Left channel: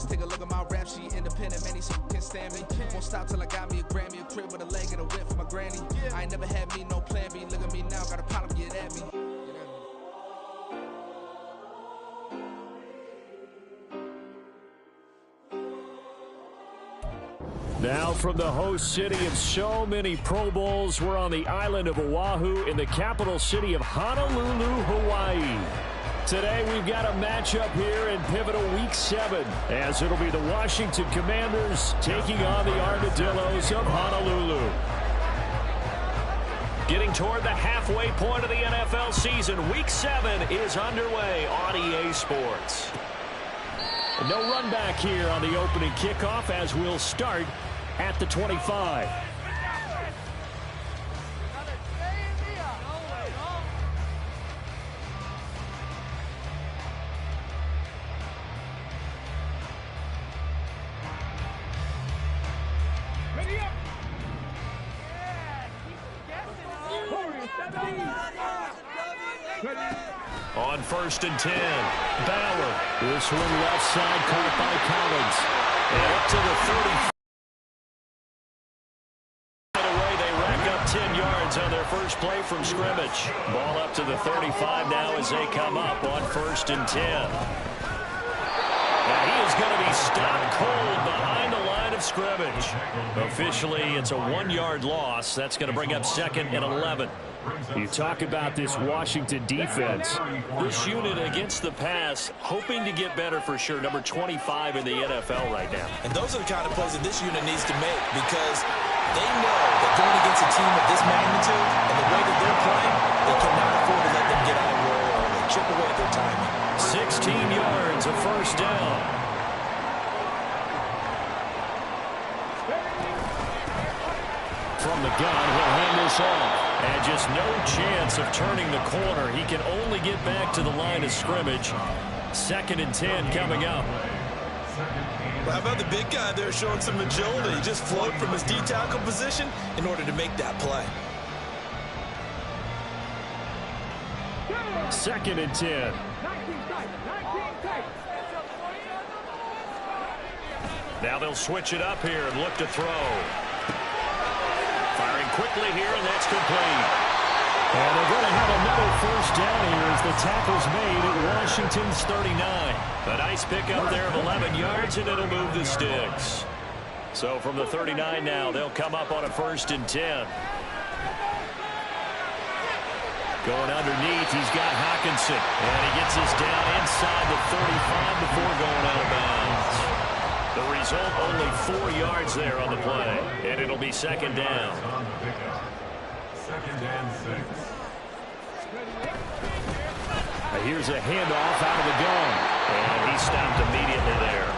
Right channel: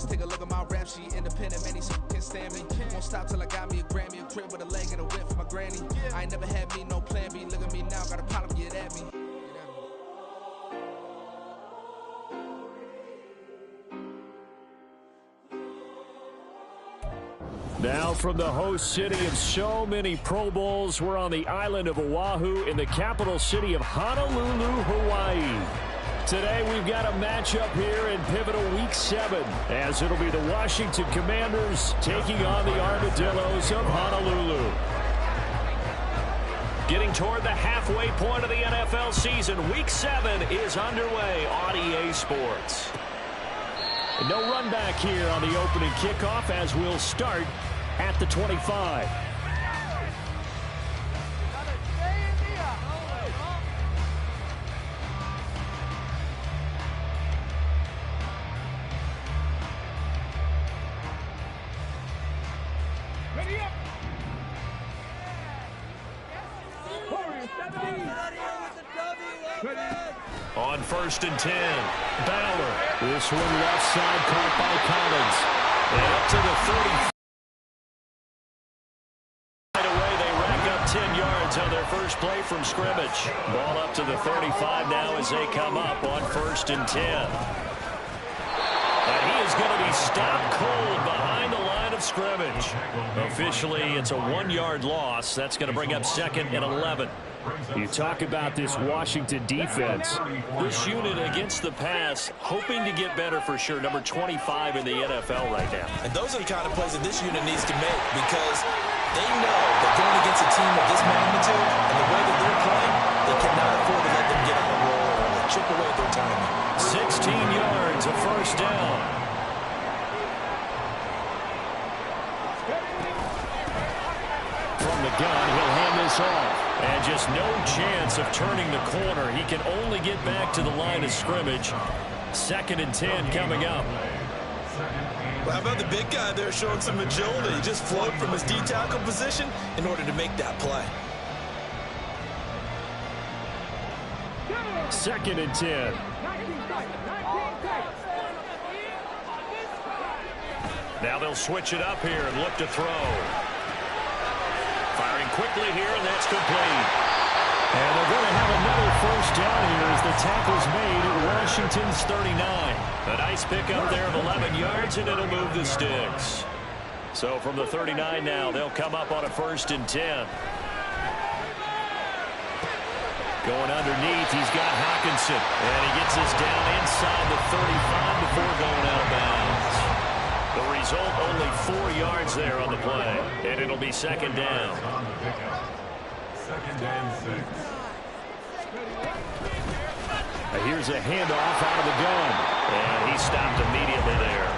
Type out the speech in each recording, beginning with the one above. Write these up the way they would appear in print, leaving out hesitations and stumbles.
Just take a look at my rap sheet. Independent, many can't stand me. Won't stop till I got me a Grammy, a crib with a leg and a whip for my granny. I ain't never had me no plan B. Look at me now, got a problem, get at me. Now from the host city of so many Pro Bowls, we're on the island of Oahu in the capital city of Honolulu, Hawaii. Today we've got a matchup here in pivotal Week 7, as it'll be the Washington Commanders taking on the Armadillos of Honolulu. Getting toward the halfway point of the NFL season, Week 7 is underway on EA Sports. And no run back here on the opening kickoff as we'll start at the 25. On 1st and 10, Bauer. This one left side caught by Collins. And up to the 30. Right away, they rack up 10 yards on their first play from scrimmage. Ball up to the 35 now as they come up on 1st and 10. And he is going to be stopped cold behind the line of scrimmage. Officially, it's a 1-yard loss. That's going to bring up 2nd and 11. You talk about this Washington defense. This unit against the pass, hoping to get better for sure. Number 25 in the NFL right now. And those are the kind of plays that this unit needs to make, because they know that going against a team of this magnitude and the way that they're playing, they cannot afford to let them get out of roll early. Chip away at their timing. 16 yards, a first down. From the gun, he'll hand this off. And just no chance of turning the corner. He can only get back to the line of scrimmage. 2nd and 10 coming up. Well, how about the big guy there showing some agility? He just floated from his D-tackle position in order to make that play. 2nd and 10. Now they'll switch it up here and look to throw. Firing quickly here, and that's complete. And they're going to have another first down here as the tackle's made at Washington's 39. A nice pickup there of 11 yards, and it'll move the sticks. So from the 39 now, they'll come up on a 1st and 10. Going underneath, he's got Hockenson. And he gets us down inside the 35 before going out of bounds. The result, only 4 yards there on the play. And it'll be 2nd down. 2nd and 6. Here's a handoff out of the gun. And he stopped immediately there.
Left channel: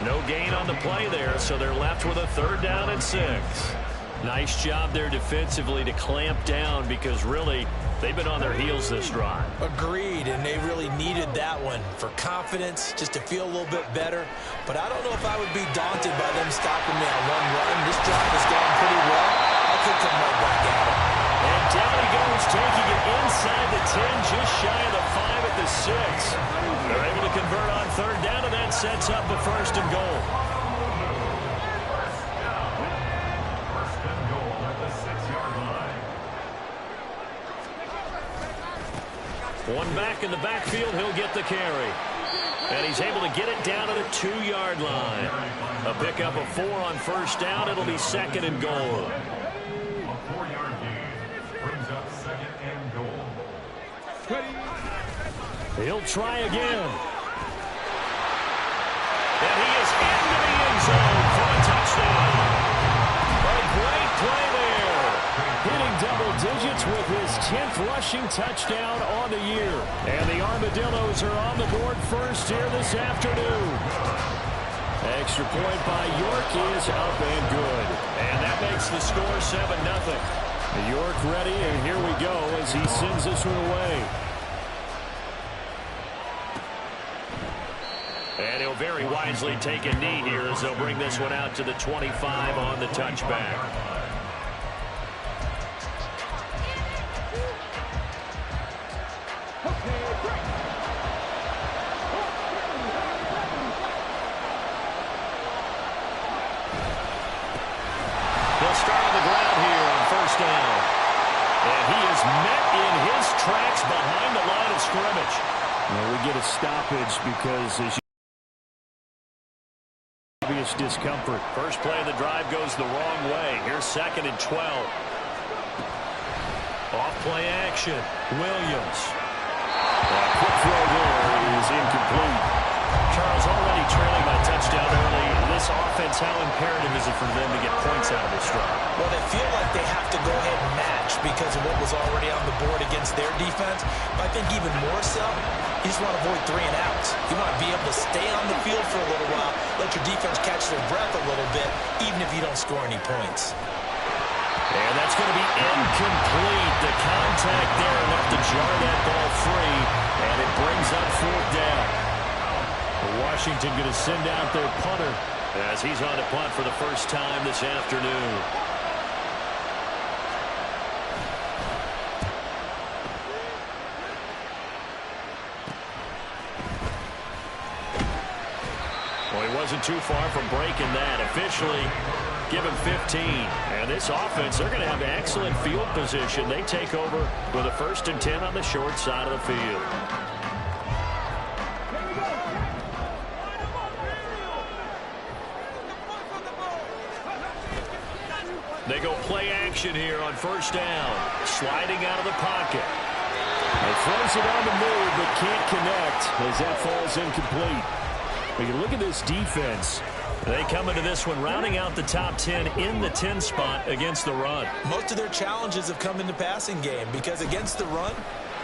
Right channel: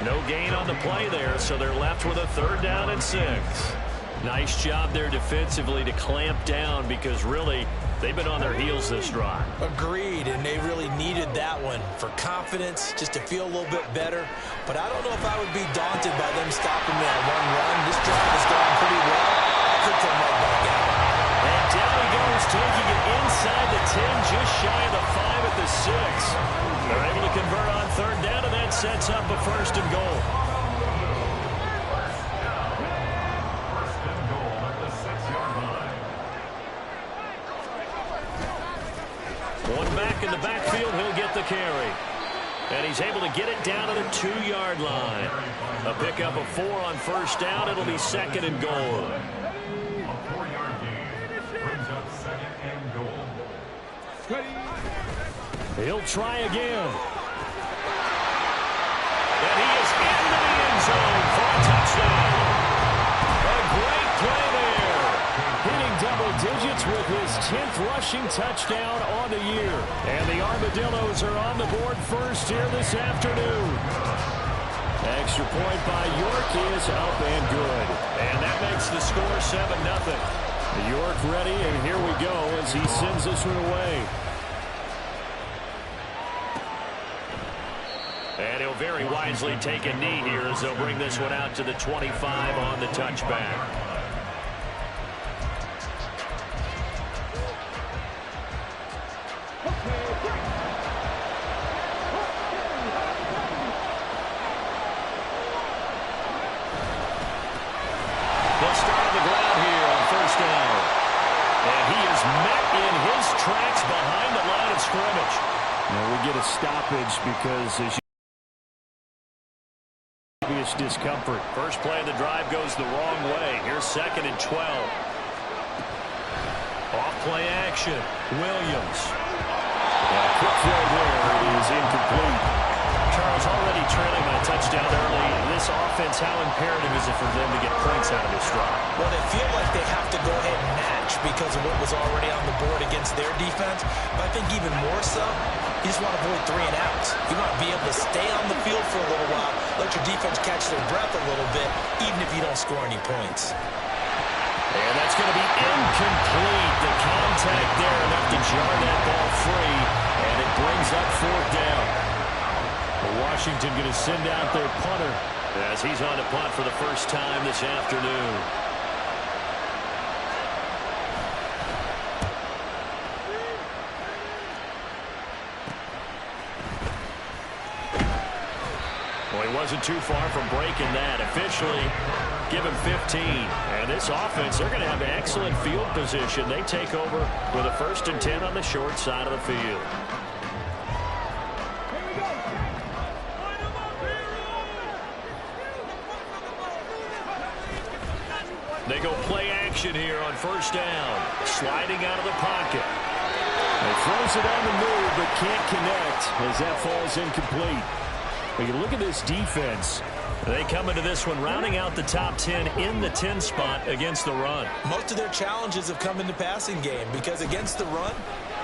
No gain on the play there, so they're left with a 3rd down and 6. Nice job there defensively to clamp down, because really they've been on their heels this drive. Agreed, and they really needed that one for confidence, just to feel a little bit better. But I don't know if I would be daunted by them stopping me on one run. This drive has gone pretty well. I could come right back at it. And down he goes, taking it inside the 10, just shy of the 5 at the 6. They're able to convert on 3rd down, and that sets up a 1st and goal. One back in the backfield, he'll get the carry. And he's able to get it down to the 2-yard line. A pickup of 4 on 1st down. It'll be 2nd and goal. A 4-yard gain brings up 2nd and goal. He'll try again. And he is into the end zone for a touchdown. A great play there. Hitting double digits with his 10th rushing touchdown on the year. And the Armadillos are on the board first here this afternoon. Extra point by York is up and good. And that makes the score 7-0. York ready, and here we go as he sends this one away. And he'll very wisely take a knee here as they'll bring this one out to the 25 on the touchback. They'll start on the ground here on first down. And he is met in his tracks behind the line of scrimmage. Now we get a stoppage because as you obvious discomfort. First play of the drive goes the wrong way. Here's 2nd and 12. Off play action. Williams. Quick throw there is incomplete. Charles, already trailing by touchdown early. This offense, how imperative is it for them to get points out of this drive? Well, they feel like they have to go ahead and match because of what was already on the board against their defense. But I think even more so, you just want to avoid 3 and outs. You want to be able to stay on the field for a little while, let your defense catch their breath a little bit, even if you don't score any points. And that's going to be incomplete. The contact there enough to jar that ball free, and it brings up 4th down. Washington going to send out their punter as he's on to punt for the first time this afternoon. Well, he wasn't too far from breaking that. Officially, give him 15. And this offense, they're going to have excellent field position. They take over with a 1st and 10 on the short side of the field. They go play action here on first down. Sliding out of the pocket. He throws it on the move but can't connect as that falls incomplete. But you look at this defense. They come into this one rounding out the top 10 in the 10 spot against the run. Most of their challenges have come in the passing game because against the run,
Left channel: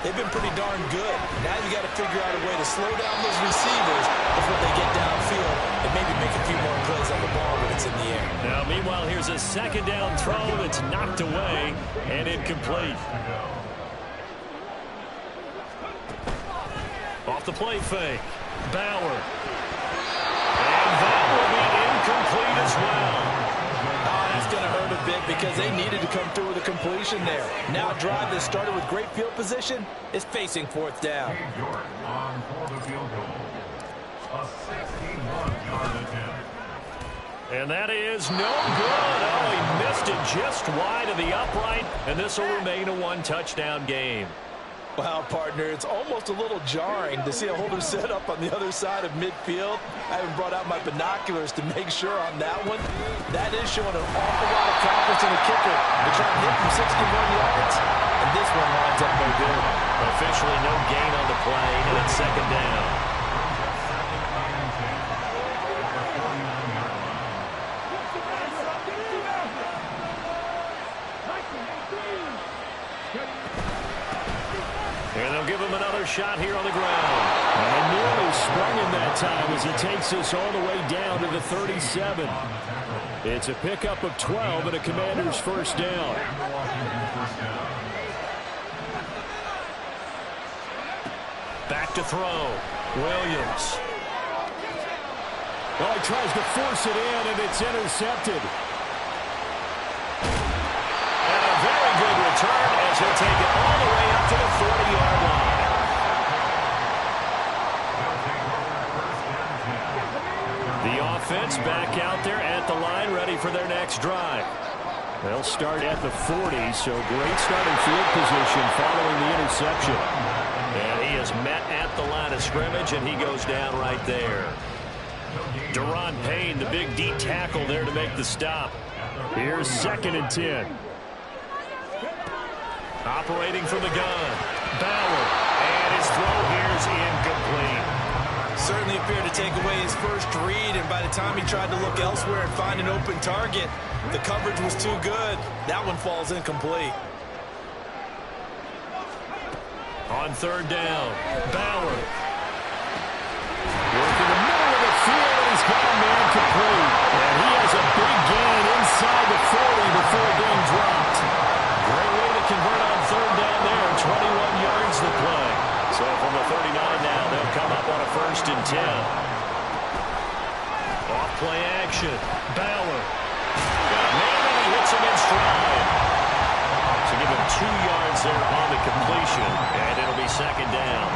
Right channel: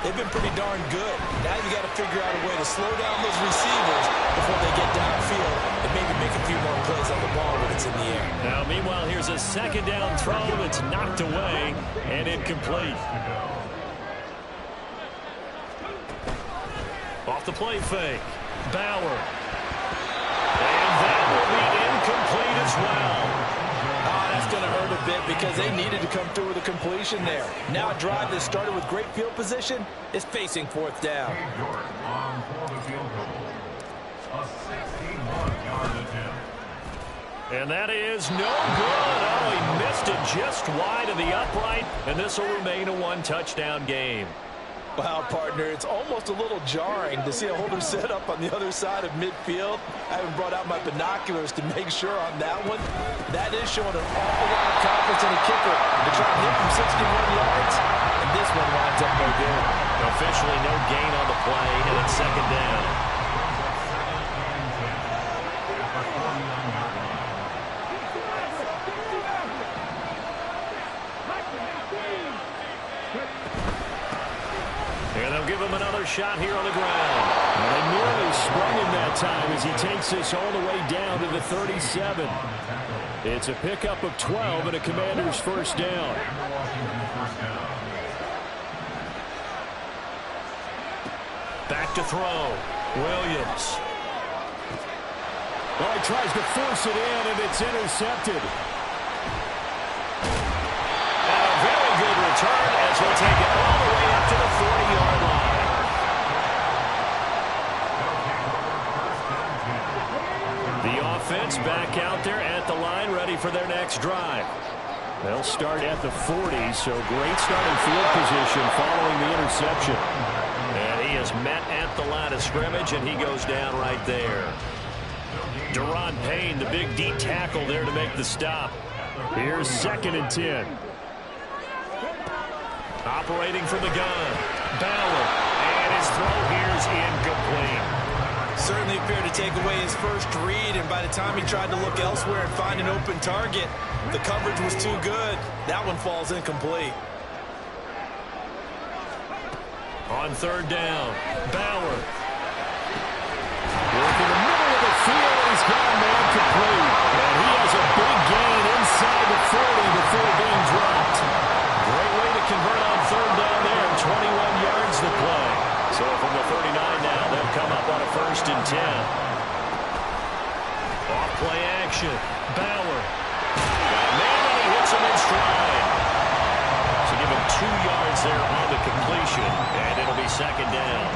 they've been pretty darn good. Now you got to figure out a way to slow down those receivers before they get downfield and maybe make a few more plays on the ball when it's in the air. Now, meanwhile, here's a 2nd down throw that's knocked away and incomplete. Off the play fake. Bauer. And that will be incomplete as well. Oh, that's going to hurt a bit because they needed to come through with a completion there. Now a drive that started with great field position is facing 4th down. Jordan on for the field goal. A 61-yard attempt. And that is no good. Oh, he missed it just wide of the upright, and this will remain a 1-touchdown game. Wow, partner, it's almost a little jarring to see a holder set up on the other side of midfield. I haven't brought out my binoculars to make sure on that one. That is showing an awful lot of confidence in the kicker to try and hit from 61 yards, and this one winds up no good. Officially no gain on the play, and it's 2nd down. Brings up 2nd and 10 at the 49-yard line. And they'll give him another shot here on the ground. And they nearly sprung him that time as he takes this all the way down to the 37. It's a pickup of 12 and a Commander's 1st down. Back to throw. Williams. Oh, he tries to force it in, and it's intercepted. And a very good return as he'll take it all the way up to the 40-yard line. The offense back out there at the line, ready for their next drive. They'll start at the 40, so great starting field position following the interception. And he is met at the line of scrimmage, and he goes down right there. Deron Payne, the big D tackle there to make the stop. Here's 2nd and 10. Operating from the gun. Bauer. And his throw here is incomplete. Certainly appeared to take away his first read, and by the time he tried to look elsewhere and find an open target, the coverage was too good. That one falls incomplete. On 3rd down, Bauer. Work in the middle of the field, and he's got a man complete. And he has a big gain inside the 40 before being dropped. Great way to convert on 3rd down there. 21 yards to play. So from the 39 now, they'll come up on a 1st and 10. Off play action. Bauer. Got a man, and he hits him in stride. So give him 2 yards there on the completion, and it'll be 2nd down.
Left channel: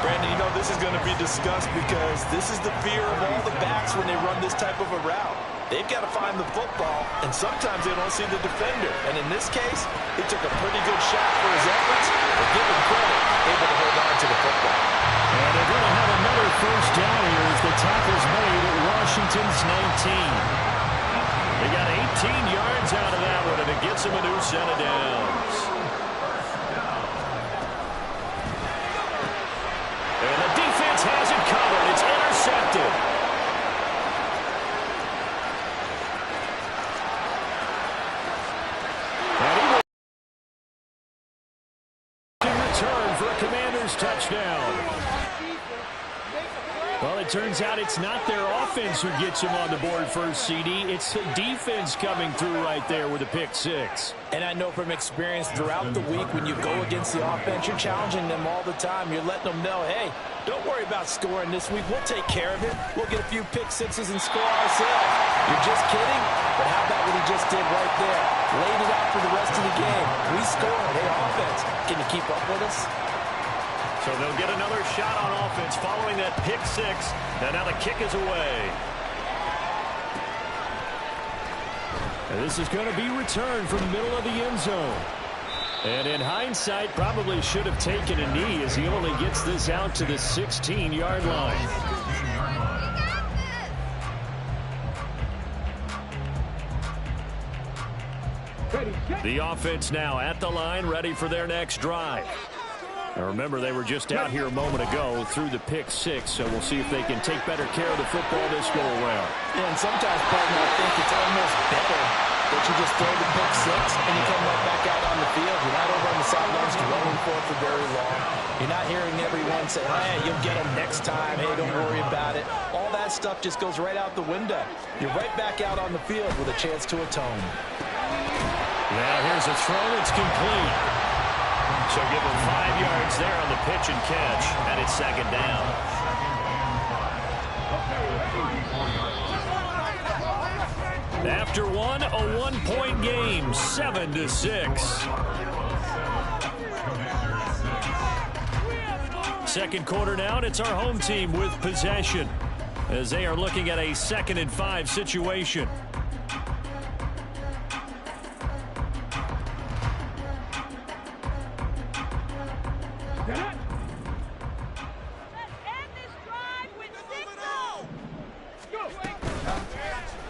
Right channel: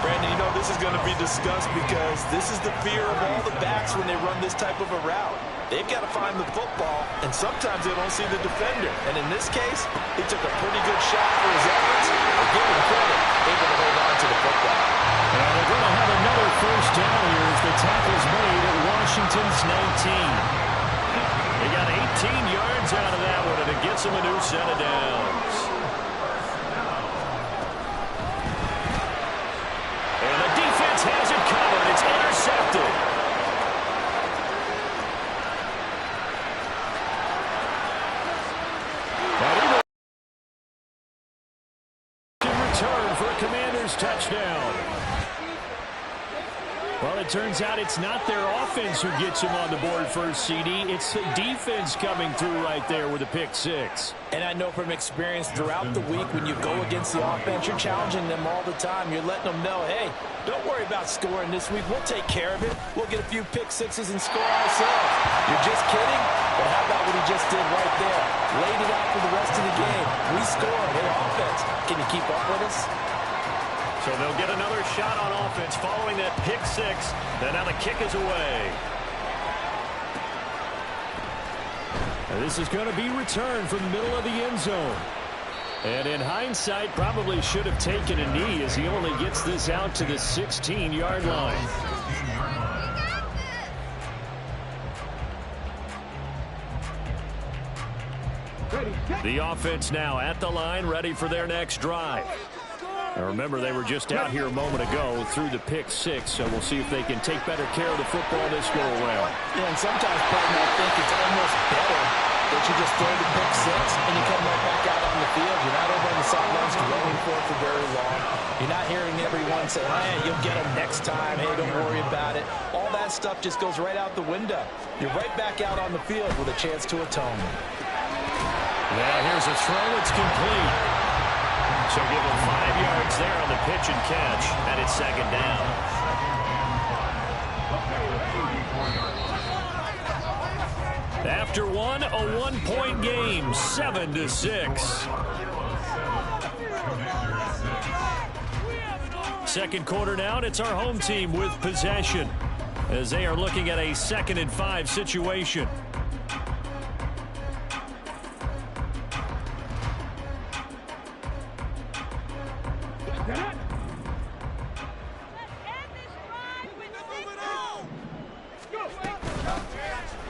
Brandon, you know this is going to be discussed because this is the fear of all the backs when they run this type of a route. they've got to find the football, and sometimes they don't see the defender. And in this case, he took a pretty good shot for his efforts, but give him credit, able to hold on to the football. And they're going to have another first down here as the tackle's made at Washington's 19. They got 18 yards out of that one, and it gets them a new set of downs. And the defense has it covered. It's intercepted. And he will in return for a Commanders touchdown. Well, it turns out it's not their offense who gets them on the board first, CD. It's the defense coming through right there with a pick six. And I know from experience throughout the week when you go against the offense, you're challenging them all the time. You're letting them know, hey, don't worry about scoring this week. We'll take care of it. We'll get a few pick sixes and score ourselves. You're just kidding? But how about what he just did right there? Laid it out for the rest of the game. We scored. Hey, offense, can you keep up with us? So they'll get another shot on offense following that pick six. And now the kick is away. And this is going to be returned from the middle of the end zone. And in hindsight, probably should have taken a knee as he only gets this out to the 16-yard line. The offense now at the line, ready for their next drive. Now remember, they were just out here a moment ago through the pick six, so we'll see if they can take better care of the football this go around. Yeah, and sometimes, partner, I think it's almost better that you just throw the pick six and you come right back out on the field. You're not over on the sidelines dwelling for it for very long. You're not hearing everyone say, hey, you'll get them next time. Hey, don't worry about it. All that stuff just goes right out the window. You're right back out on the field with a chance to atone. Now here's a throw. It's complete. So give him 5 yards there on the pitch and catch, and it's second down. After one, a one-point game, 7-6. Second quarter now, and it's our home team with possession as they are looking at a 2nd and 5 situation.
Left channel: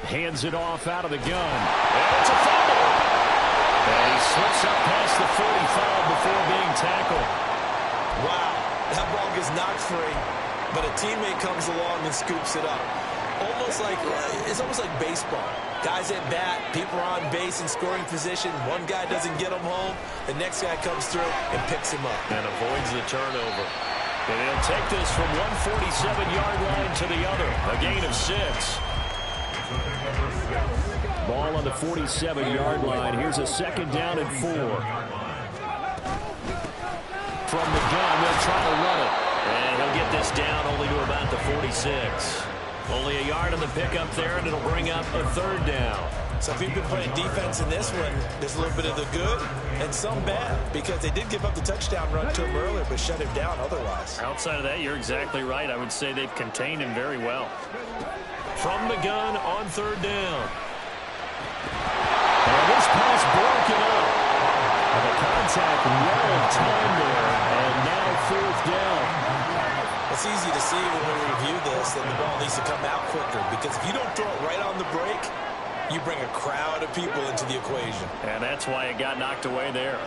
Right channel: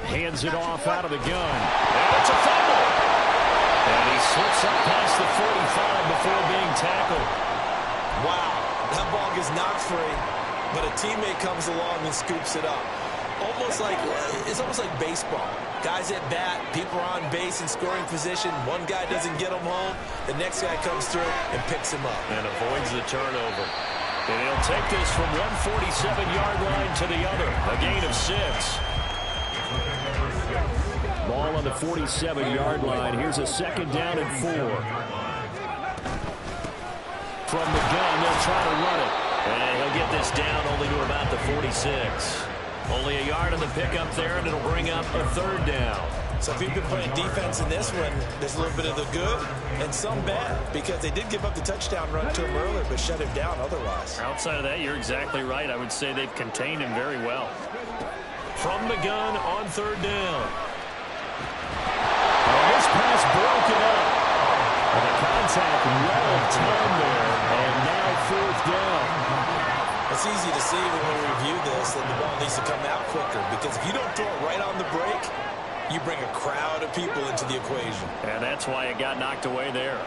Hands it off out of the gun. And it's a fumble. And he slips up past the 45 before being tackled. Wow, that ball gets knocked free, but a teammate comes along and scoops it up. It's almost like baseball. Guys at bat, people are on base in scoring position. One guy doesn't get him home. The next guy comes through and picks him up. And avoids the turnover. And he'll take this from one 47-yard line to the other. A gain of 6. Ball on the 47-yard line. Here's a 2nd down and 4. From the gun, they'll try to run it. And he'll get this down only to about the 46. Only a yard on the pickup there, and it'll bring up a 3rd down. So if you've been playing defense in this one, there's a little bit of the good and some bad, because they did give up the touchdown run to him earlier, but shut him down otherwise. Outside of that, you're exactly right. I would say they've contained him very well. From the gun on 3rd down. And this pass broken up. And the contact well timed there, and now 4th down. It's easy to see when we review this that the ball needs to come out quicker, because if you don't throw it right on the break, you bring a crowd of people into the equation. And that's why it got knocked away there.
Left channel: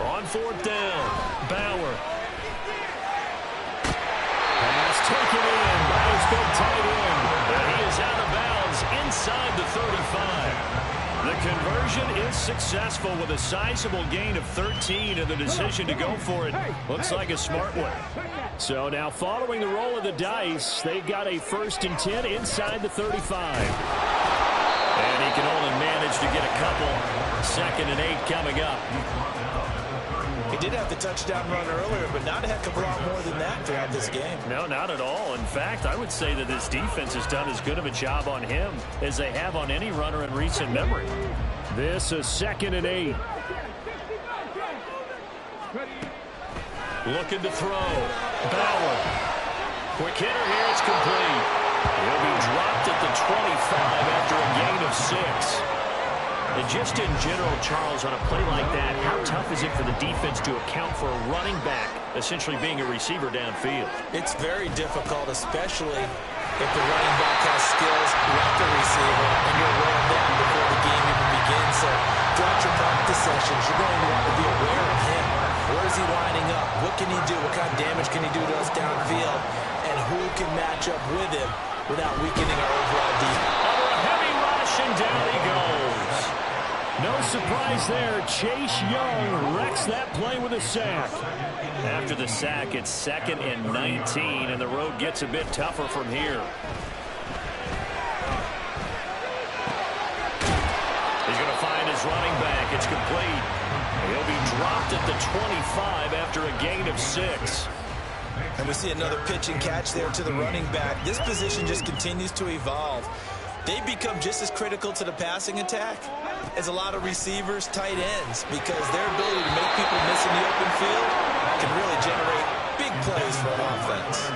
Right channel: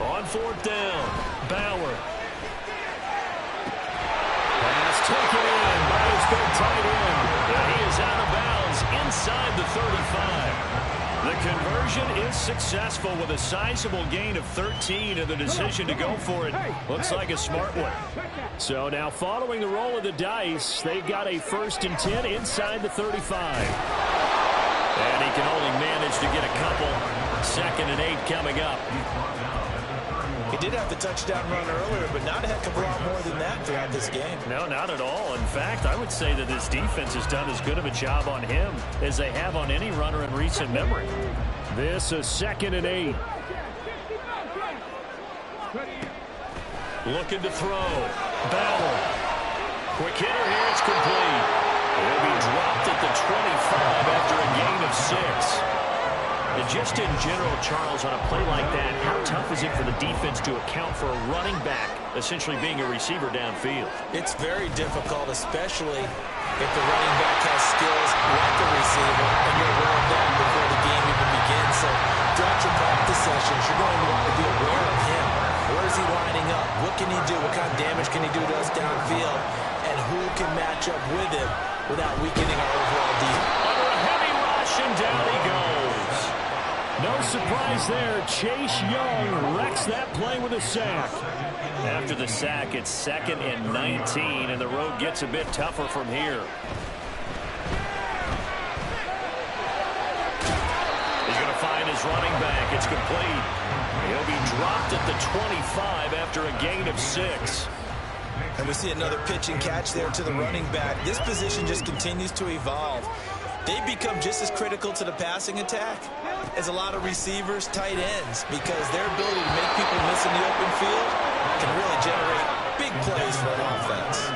On 4th down, Bauer. Pass taken in by his big tight end. And he is out of bounds inside the 35. The conversion is successful with a sizable gain of 13, and the decision to go for it looks like a smart one. So now following the roll of the dice, they've got a 1st and 10 inside the 35. And he can only manage to get a couple. 2nd and 8 coming up. He did have the touchdown run earlier, but not a heck of a lot more than that throughout this game. No, not at all. In fact, I would say that this defense has done as good of a job on him as they have on any runner in recent memory. This is 2nd and 8. Looking to throw. Bauer. Quick hitter here. It's complete. He'll be dropped at the 25 after a gain of 6. And just in general, Charles, on a play like that, how tough is it for the defense to account for a running back essentially being a receiver downfield? It's very difficult, especially if the running back has skills like a receiver, and you're aware of that before the game even begins. So throughout your practice sessions, you're going to want to be aware of him. Where is he lining up? What can he do? What kind of damage can he do to us downfield? And who can match up with him without weakening our overall defense? Under a heavy rush, and down he goes. No surprise there. Chase Young wrecks that play with a sack. After the sack, it's 2nd and 19, and the road gets a bit tougher from here. He's going to find his running back. It's complete. He'll be dropped at the 25 after a gain of 6. And we see another pitch and catch there to the running back. This position just continues to evolve. They become just as critical to the passing attack as a lot of receivers, tight ends, because their ability to make people miss in the open field can really generate big plays for an offense.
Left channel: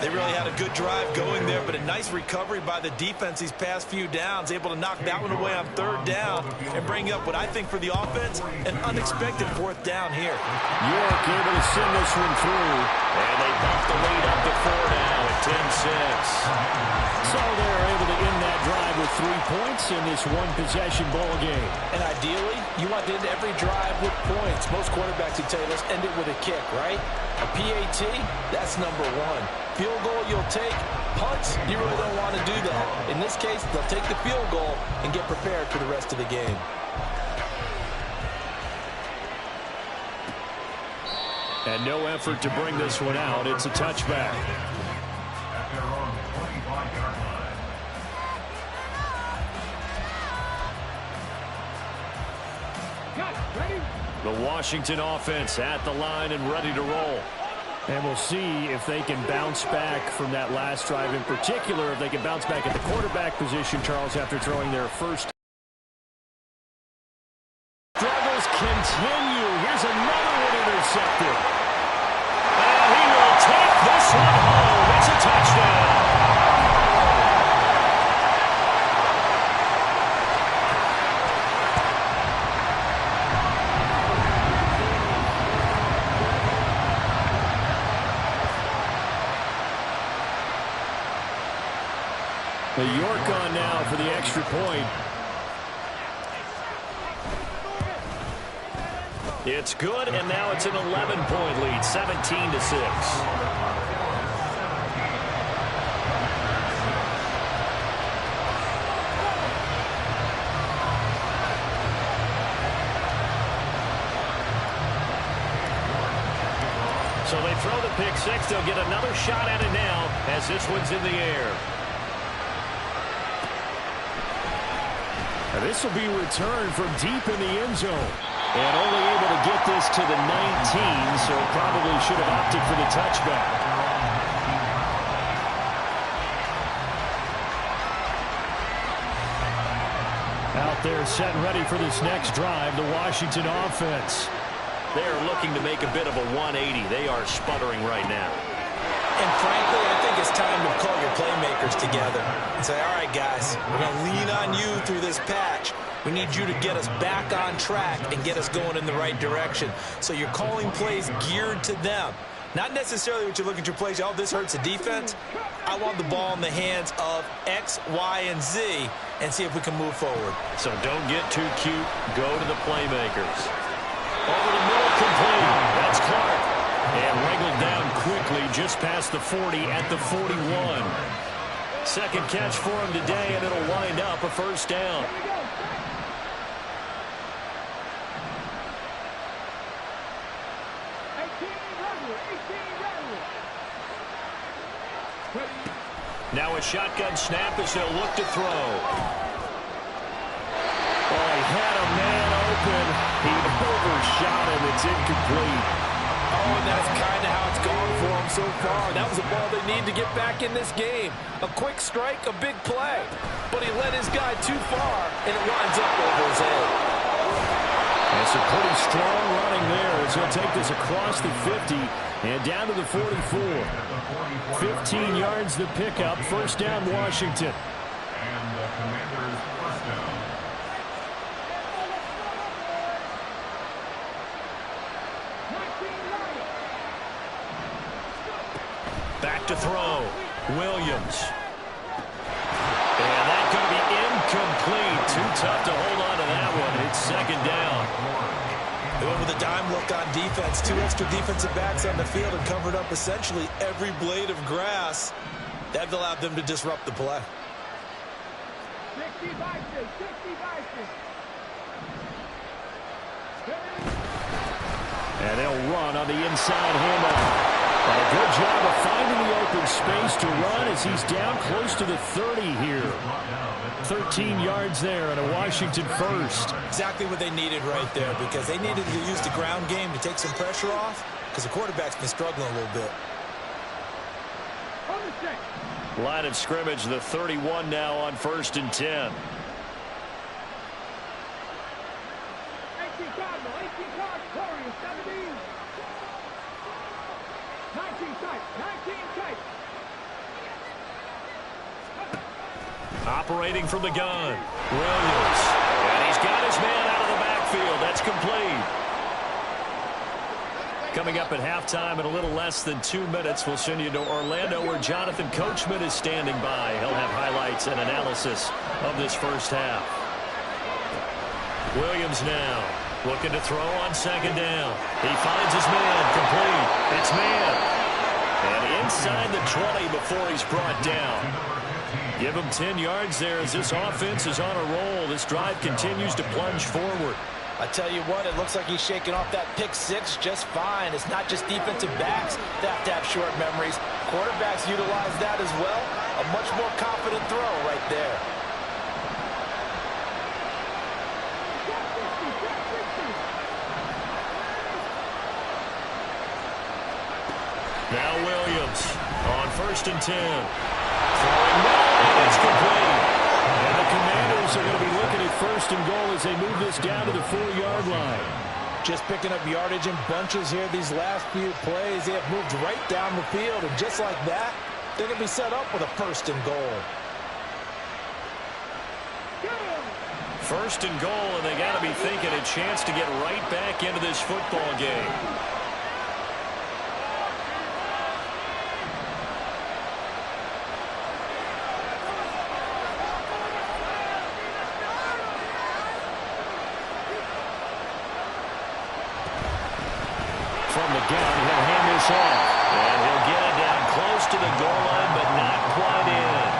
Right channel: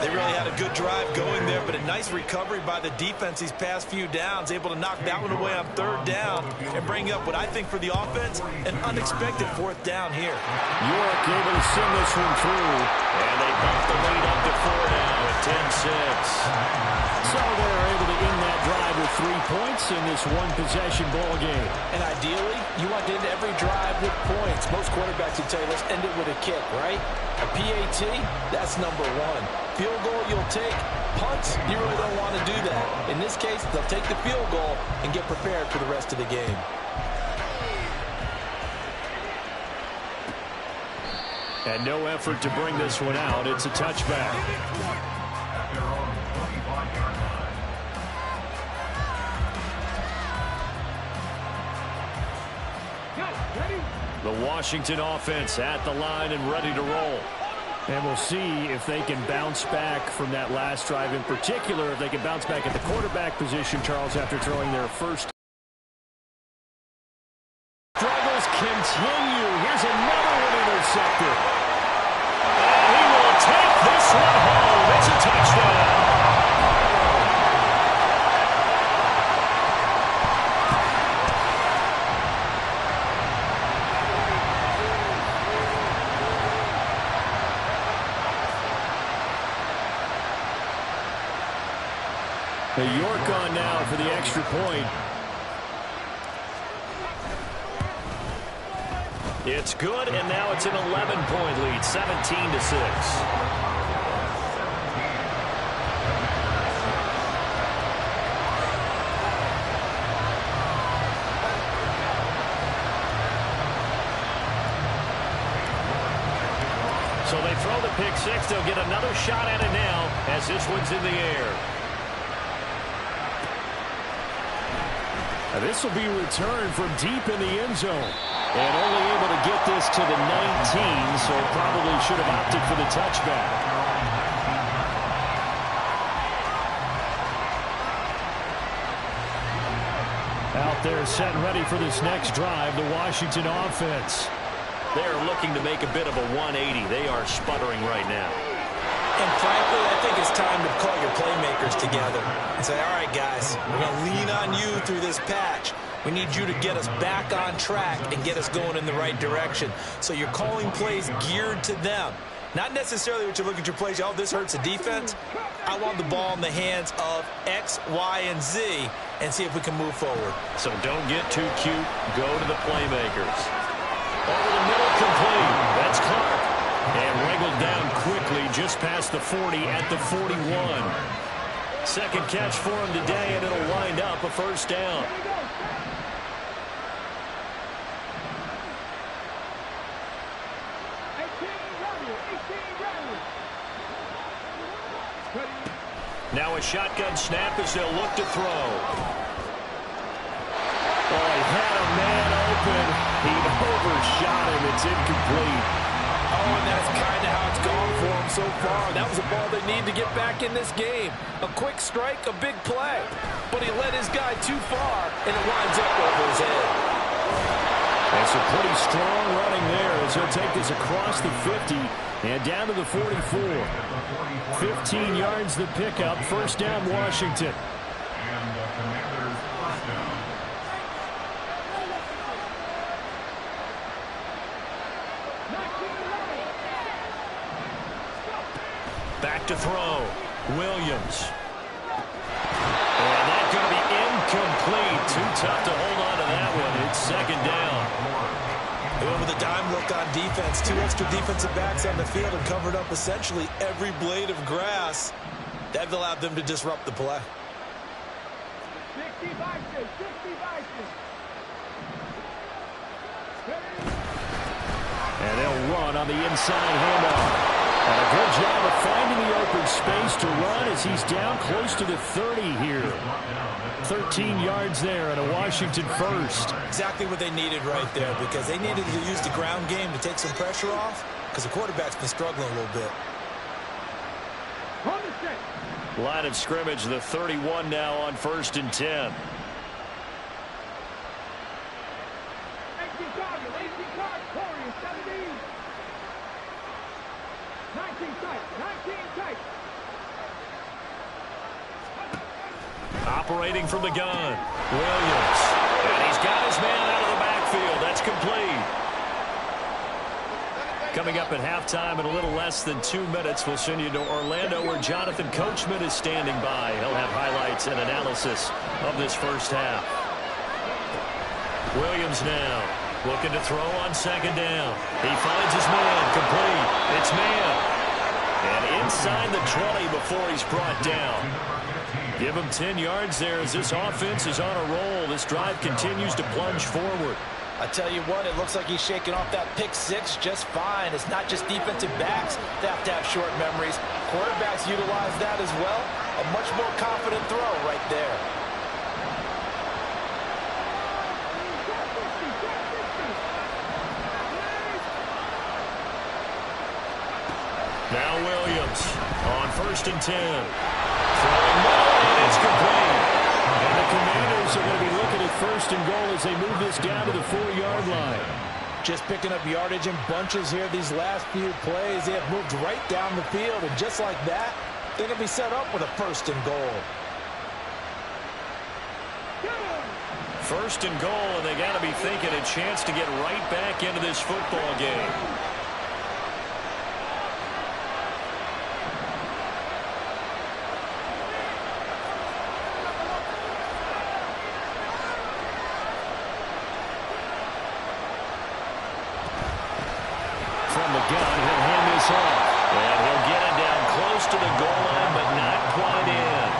They really had a good drive going there, but a nice recovery by the defense these past few downs, able to knock that one away on 3rd down and bring up what I think for the offense, an unexpected 4th down here. York able to send this one through, and they bump the lead up to 4 now at 10-6. So they're able to end that drive with 3 points in this one-possession ball game. And ideally, you want to end every drive with points. Most quarterbacks would tell you, let's end it with a kick, right? A PAT, that's number 1. Field goal you'll take. Punts, you really don't want to do that. In this case, they'll take the field goal and get prepared for the rest of the game. And no effort to bring this one out. It's a touchback. At their own 25-yard line. The Washington offense at the line and ready to roll. And we'll see if they can bounce back from that last drive, in particular, if they can bounce back at the quarterback position, Charles, after throwing their first. Struggles continue. Here's another one intercepted. And he will take this one home. It's a touchdown. York on now for the extra point. It's good, and now it's an 11-point lead, 17-6. So they throw the pick six. They'll get another shot at it now as this one's in the air. And this will be returned from deep in the end zone. And only able to get this to the 19, so probably should have opted for the touchback. Out there set and ready for this next drive, the Washington offense. They are looking to make a bit of a 180. They are sputtering right now. And frankly, I think it's time to call your playmakers together and say, all right, guys, we're going to lean on you through this patch. We need you to get us back on track and get us going in the right direction. So you're calling plays geared to them. Not necessarily what you look at your plays, oh, this hurts the defense. I want the ball in the hands of X, Y, and Z and see if we can move forward. So don't get too cute. Go to the playmakers. Over the middle, complete. That's Clark. And wrangled down quickly just past the 40 at the 41. Second catch for him today, and it'll wind up a first down. Now a shotgun snap as they'll look to throw. Oh, he had a man open. He overshot him. It's incomplete. Oh, and that's kind of how it's gone for him so far. That was a ball they need to get back in this game. A quick strike, a big play. But he led his guy too far, and it winds up over his head. And some pretty strong running there as he'll take this across the 50 and down to the 44. 15 yards the pickup. First down, Washington. And the Commanders' first down. Back to throw. Williams. And that's going to be incomplete. Too tough to hold on to that one. It's second down. They went with a dime look on defense. 2 extra defensive backs on the field and covered up essentially every blade of grass. That allowed them to disrupt the play. 60 Vikings, 60 Vikings. And they'll run on the inside handoff. And a good job of finding the open space to run as he's down close to the 30 here. 13 yards there and a Washington first. Exactly what they needed right there, because they needed to use the ground game to take some pressure off, because the quarterback's been struggling a little bit. Line of scrimmage, the 31 now on 1st and 10. 18 Cardinal, 18 Cardinal, Warriors, 17. 19 tight, 19 tight. Operating from the gun, Williams. And he's got his man out of the backfield. That's complete. Coming up at halftime in a little less than 2 minutes, we'll send you to Orlando where Jonathan Coachman is standing by. He'll have highlights and analysis of this first half. Williams now looking to throw on second down. He finds his man, complete. It's man. And inside the 20 before he's brought down. Give him 10 yards there as this offense is on a roll. This drive continues to plunge forward. I tell you what, it looks like he's shaking off that pick six just fine. It's not just defensive backs that have to have short memories. Quarterbacks utilize that as well. A much more confident throw right there. Now Williams on 1st and 10. Throwing middle, and it's complete. And the Commanders are going to be looking at 1st and goal as they move this down to the 4-yard line. Just picking up yardage in bunches here these last few plays. They have moved right down the field, and just like that, they're going to be set up with a 1st and goal. 1st and goal, and they got to be thinking a chance to get right back into this football game. From the gun, he'll hand this off. And he'll get it down close to the goal line, but not quite in.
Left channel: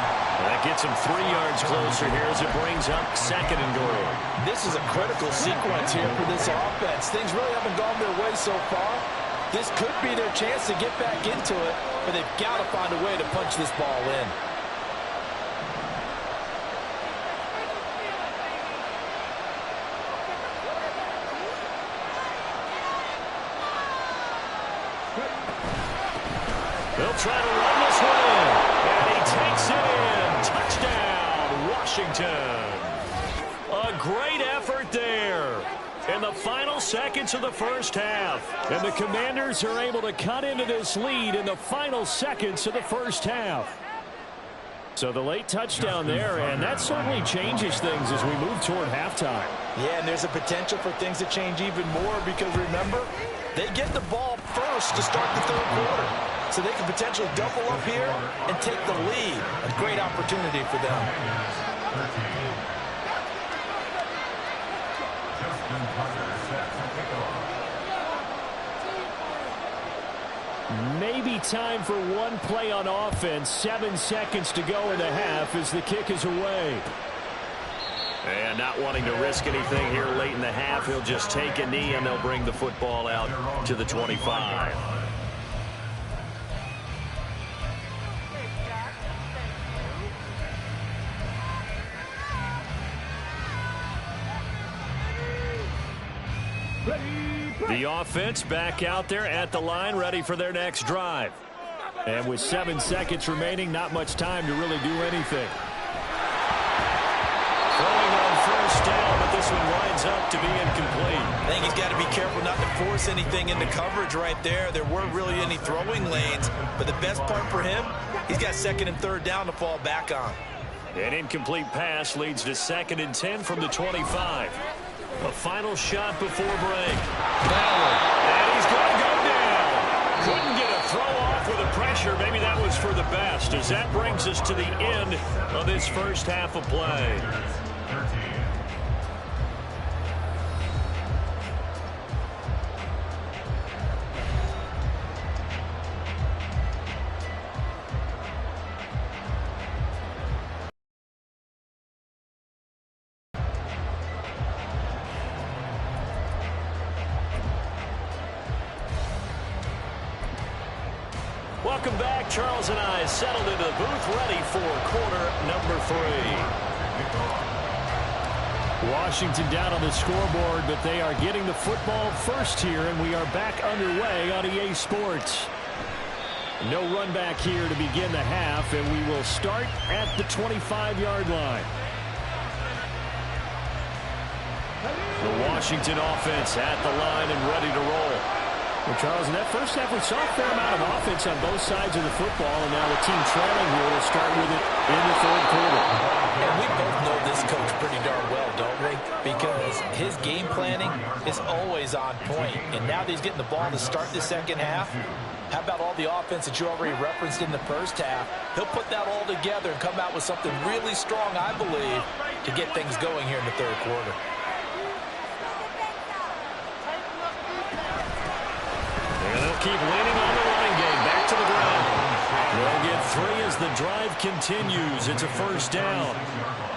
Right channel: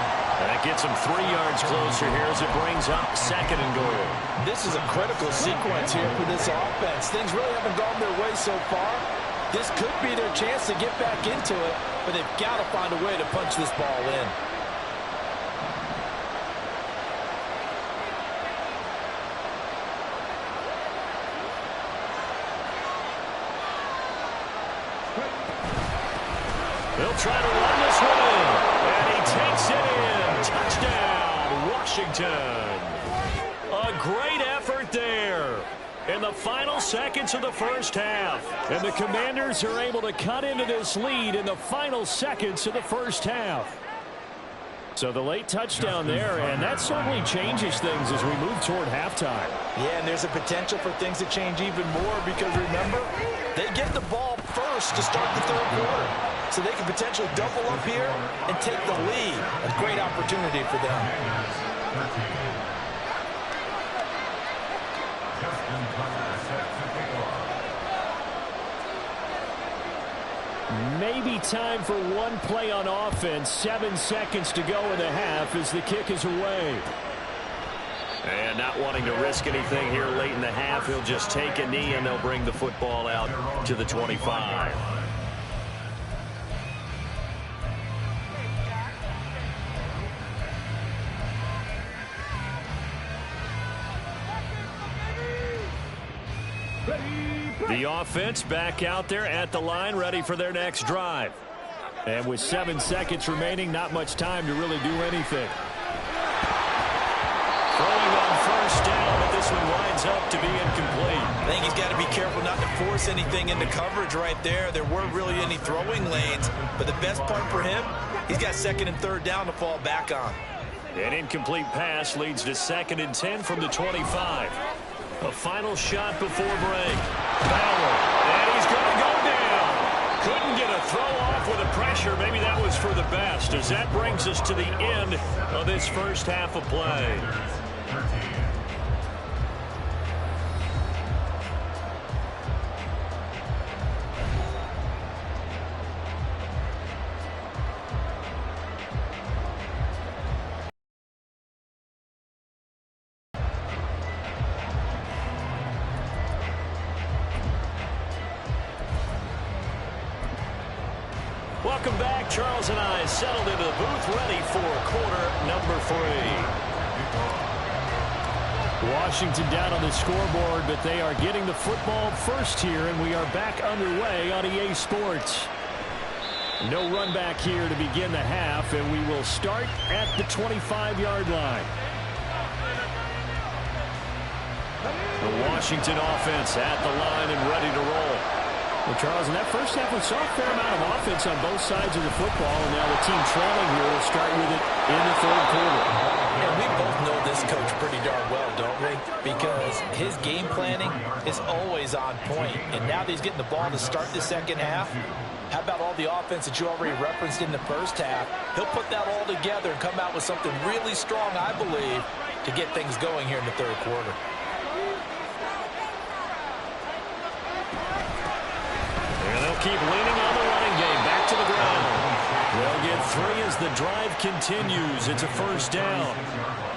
That gets him 3 yards closer here as it brings up 2nd and goal. This is a critical sequence here for this offense. Things really haven't gone their way so far. This could be their chance to get back into it, but they've got to find a way to punch this ball in. They'll try to run this one in. And he takes it in. Touchdown, Washington. A great effort there in the final seconds of the first half. And the Commanders are able to cut into this lead in the final seconds of the first half. So the late touchdown there, and that certainly changes things as we move toward halftime. Yeah, and there's a potential for things to change even more because, remember, they get the ball first to start the 3rd quarter. So they can potentially double up here and take the lead. A great opportunity for them. Justin Tucker set to kick off. Maybe time for one play on offense. 7 seconds to go in the half as the kick is away. And not wanting to risk anything here late in the half, he'll just take a knee and they'll bring the football out to the 25. The offense back out there at the line, ready for their next drive. And with 7 seconds remaining, not much time to really do anything. Throwing on first down, but this one winds up to be incomplete. I think he's got to be careful not to force anything into coverage right there. There weren't really any throwing lanes, but the best part for him, he's got second and third down to fall back on. An incomplete pass leads to 2nd and 10 from the 25. A final shot before break. Ballard, and he's going to go down. Couldn't get a throw off with the pressure. Maybe that was for the best, as that brings us to the end of this first half of play. Welcome back. Charles and I settled into the booth, ready for quarter number 3. Washington down on the scoreboard, but they are getting the football first here, and we are back underway on EA Sports. No run back here to begin the half, and we will start at the 25-yard line. The Washington offense at the line and ready to roll. Well, Charles, in that first half, we saw a fair amount of offense on both sides of the football, and now the team trailing here will start with it in the third quarter. And we both know this coach pretty darn well, don't we? Because his game planning is always on point. And now that he's getting the ball to start the second half, how about all the offense that you already referenced in the first half? He'll put that all together and come out with something really strong, I believe, to get things going here in the third quarter. And they'll keep leaning on the running game. Back to the ground. They'll get 3 as the drive continues. It's a first down.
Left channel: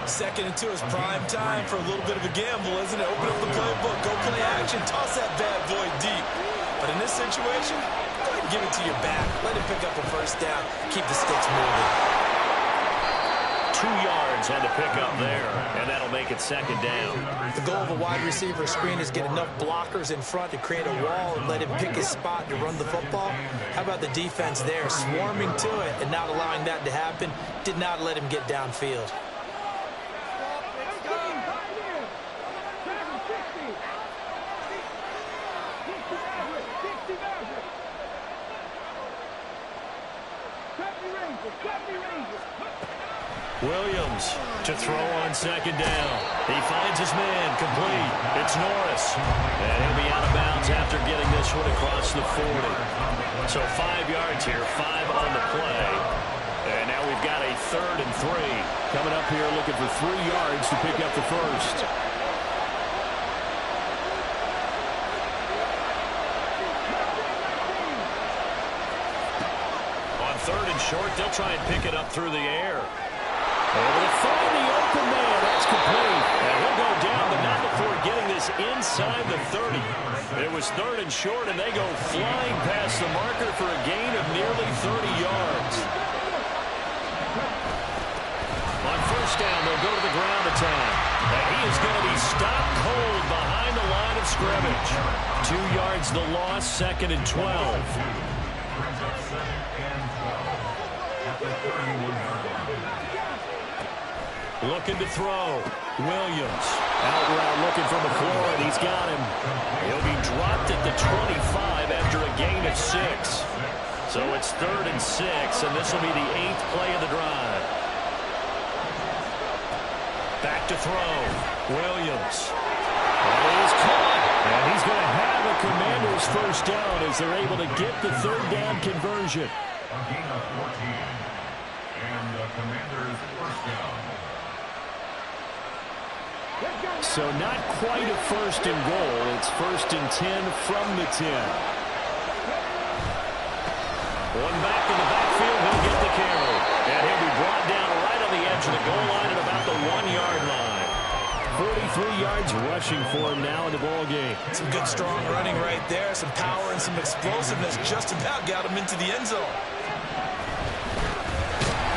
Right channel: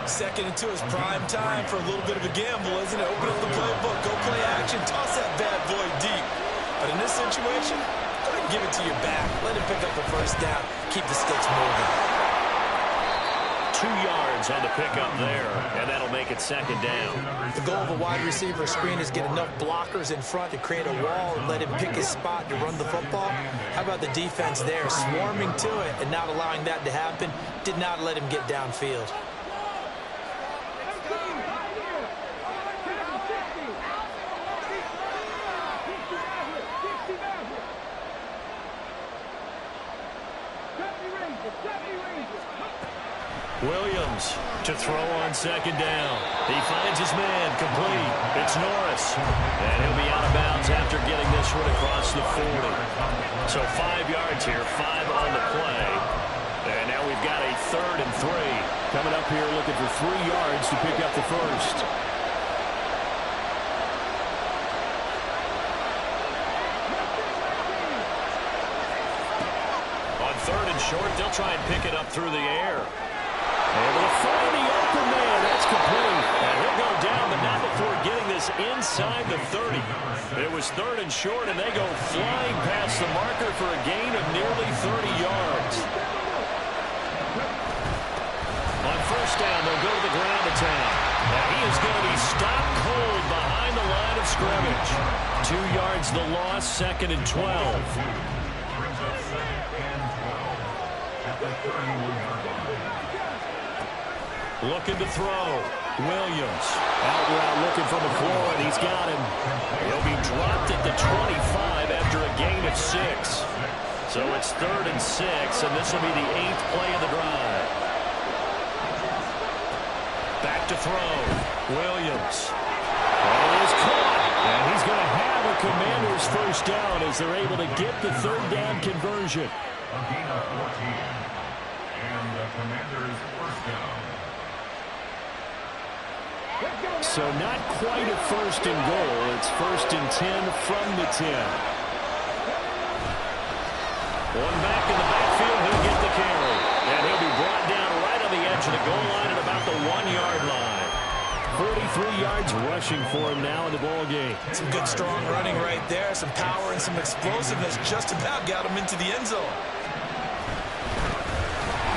2nd and 2 is prime time for a little bit of a gamble, isn't it? Open up the playbook. Go play action. Toss that bad boy deep. But in this situation, go ahead and give it to your back. Let him pick up a first down. Keep the sticks moving. 2 yards on the pickup there, and that'll make it 2nd down. The goal of a wide receiver screen is get enough blockers in front to create a wall and let him pick his spot to run the football. How about the defense there, swarming to it and not allowing that to happen? Did not let him get downfield. Williams to throw on 2nd down. He finds his man, complete. It's Norris. And he'll be out of bounds after getting this one across the 40. So 5 yards here, 5 on the play. And now we've got a 3rd and 3. Coming up here looking for 3 yards to pick up the first. On 3rd and short, they'll try and pick it up through the air. Able to find the open man. That's complete. And he'll go down, but not before getting this inside the 30. It was 3rd and short, and they go flying past the marker for a gain of nearly 30 yards. On first down, they'll go to the ground attack. And he is going to be stopped cold behind the line of scrimmage. 2 yards the loss, 2nd and 12. Brings up 2nd and 12 at the 31-yard line. Looking to throw. Williams. Out route looking for McLaurin. He's got him. He'll be dropped at the 25 after a gain of 6. So it's 3rd and 6, and this will be the 8th play of the drive. Back to throw. Williams. That is caught. And he's going to have a Commander's first down as they're able to get the 3rd down conversion. A gain of 14. And the Commanders' first down. So not quite a 1st and goal. It's 1st and 10 from the 10. One back in the backfield. He'll get the carry. And he'll be brought down right on the edge of the goal line at about the 1-yard line. 43 yards rushing for him now in the ball game. Some good strong running right there. Some power and some explosiveness. Just about got him into the end zone.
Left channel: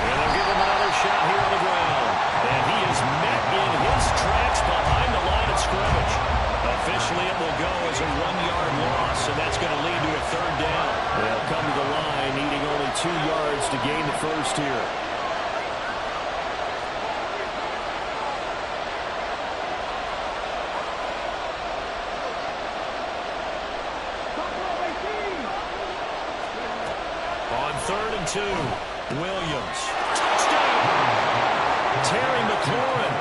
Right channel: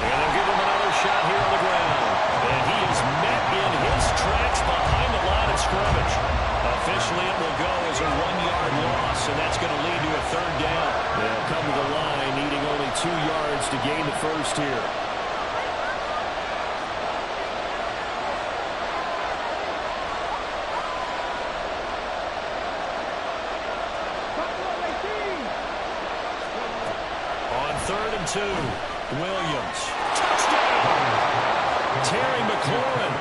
And they'll give him another shot here on the ground. And he is met in his tracks behind the line of scrimmage. Officially, it will go as a 1-yard loss, and that's going to lead to a 3rd down. They'll come to the line, needing only 2 yards to gain the first here. On 3rd and 2, Williams. Touchdown! Terry McLaurin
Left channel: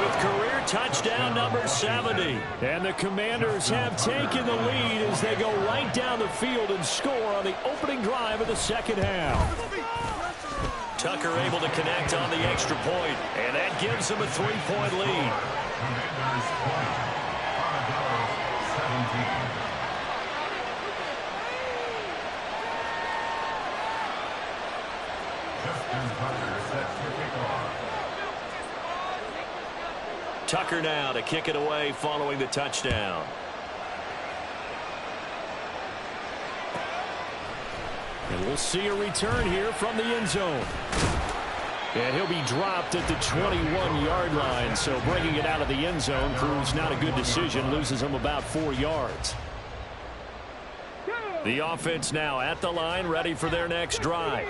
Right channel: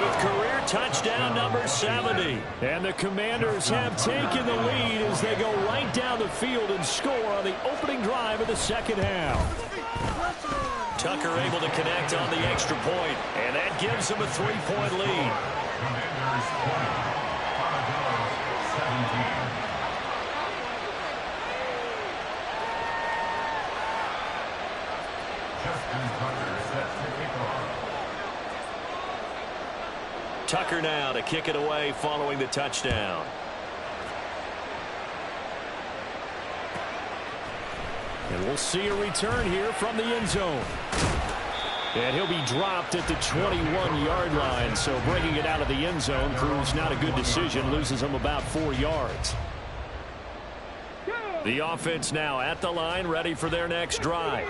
with career touchdown number 70. And the Commanders have taken the lead as they go right down the field and score on the opening drive of the second half. Tucker able to connect on the extra point, and that gives them a 3-point lead. Commanders 20, Armadillos 17. Justin Tucker sets the kickoff. Tucker now to kick it away following the touchdown. And we'll see a return here from the end zone. And he'll be dropped at the 21-yard line. So bringing it out of the end zone proves not a good decision. Loses him about 4 yards. The offense now at the line, ready for their next drive.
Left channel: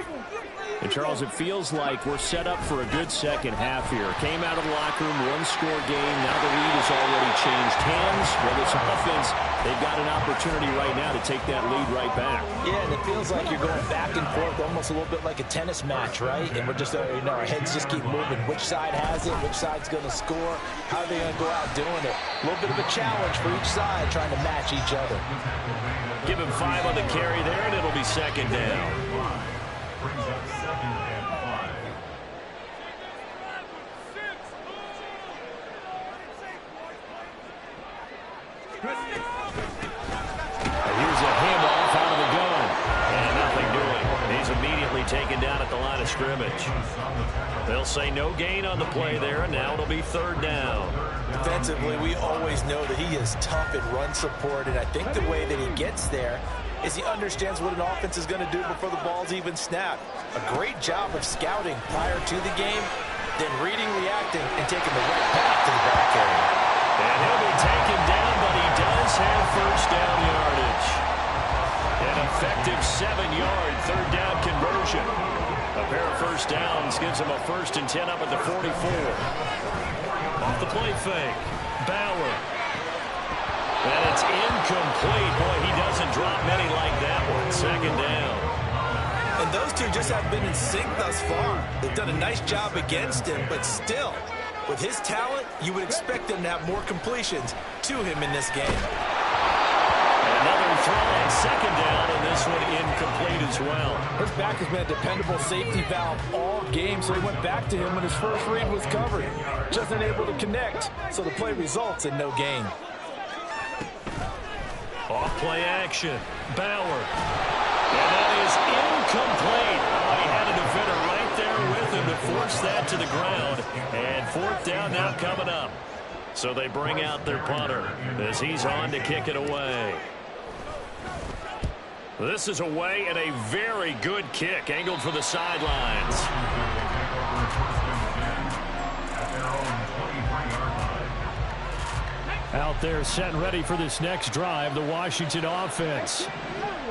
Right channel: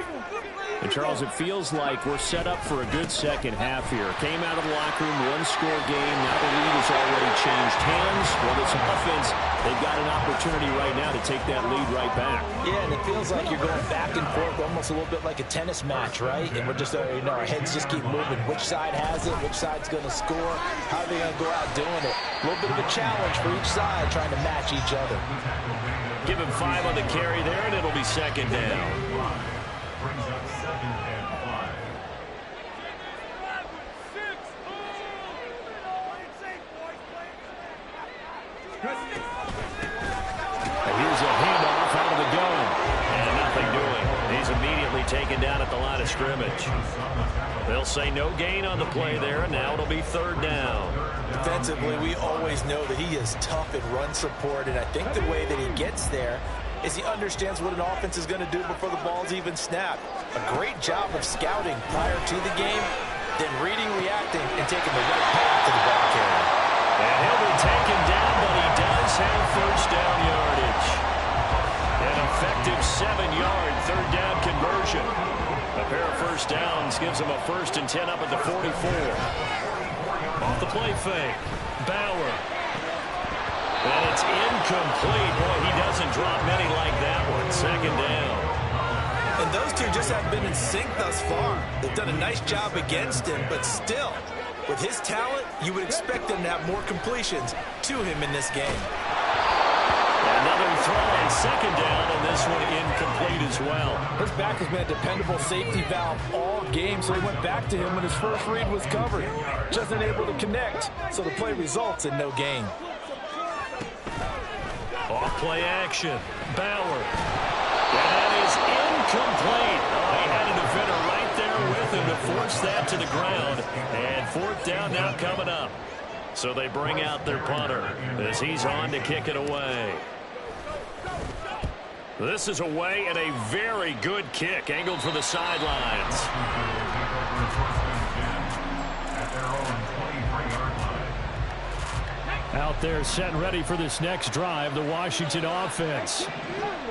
And, Charles, it feels like we're set up for a good second half here. Came out of the locker room, one-score game. Now the lead has already changed hands. Well, this offense, they've got an opportunity right now to take that lead right back. Yeah, and it feels like you're going back and forth, almost a little bit like a tennis match, right? And we're just, our heads just keep moving. Which side has it? Which side's going to score? How are they going to go out doing it? A little bit of a challenge for each side, trying to match each other. Give him 5 on the carry there, and it'll be second down. Brings up 2nd and 5. And here's a handoff out of the gun. And nothing doing. He's immediately taken down at the line of scrimmage. They'll say no gain on the play there, and now it'll be 3rd down. Defensively, we always know that he is tough at run support, and I think the way that he gets there is he understands what an offense is going to do before the ball's even snapped. A great job of scouting prior to the game, then reading, reacting, and taking the right path to the ball carrier. And he'll be taken down, but he does have first down yardage. An effective 7-yard 3rd down conversion. A pair of first downs gives him a 1st and 10 up at the 44. Off the play fake. Bauer. And it's incomplete. Boy, he doesn't drop many like that one. 2nd down. And those two just haven't been in sync thus far. They've done a nice job against him, but still, with his talent, you would expect them to have more completions to him in this game. Another throw on 2nd down, and this one incomplete as well. His back has been a dependable safety valve all game, so he went back to him when his first read was covered. Just unable to connect, so the play results in no gain. Off play action. Bauer. And that is incomplete. Oh, he had a defender right there with him to force that to the ground. And 4th down now coming up. So they bring out their punter as he's on to kick it away. This is away and a very good kick angled for the sidelines. Out there set and ready for this next drive, the Washington offense.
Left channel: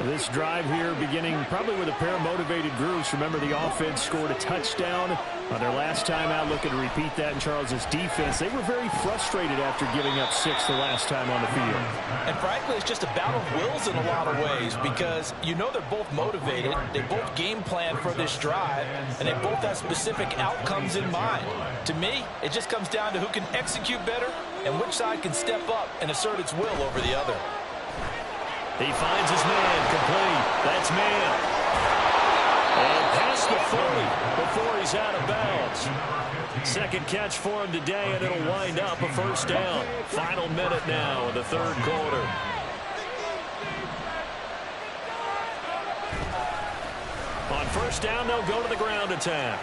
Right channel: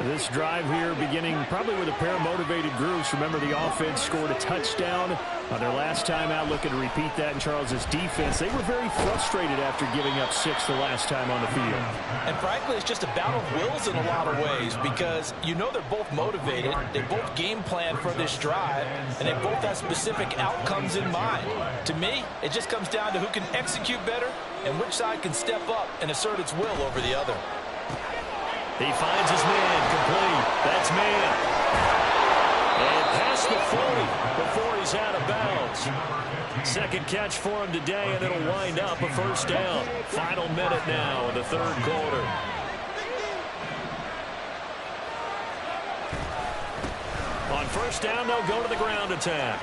This drive here beginning probably with a pair of motivated groups. Remember, the offense scored a touchdown on their last time out. Looking to repeat that in Charles's defense. They were very frustrated after giving up 6 the last time on the field. And frankly, it's just a battle of wills in a lot of ways because you know they're both motivated. They both game plan for this drive, and they both have specific outcomes in mind. To me, it just comes down to who can execute better and which side can step up and assert its will over the other. He finds his man, complete. That's man. And past the 40 before he's out of bounds. Second catch for him today, and it'll wind up a first down. Final minute now in the 3rd quarter. On first down, they'll go to the ground attack.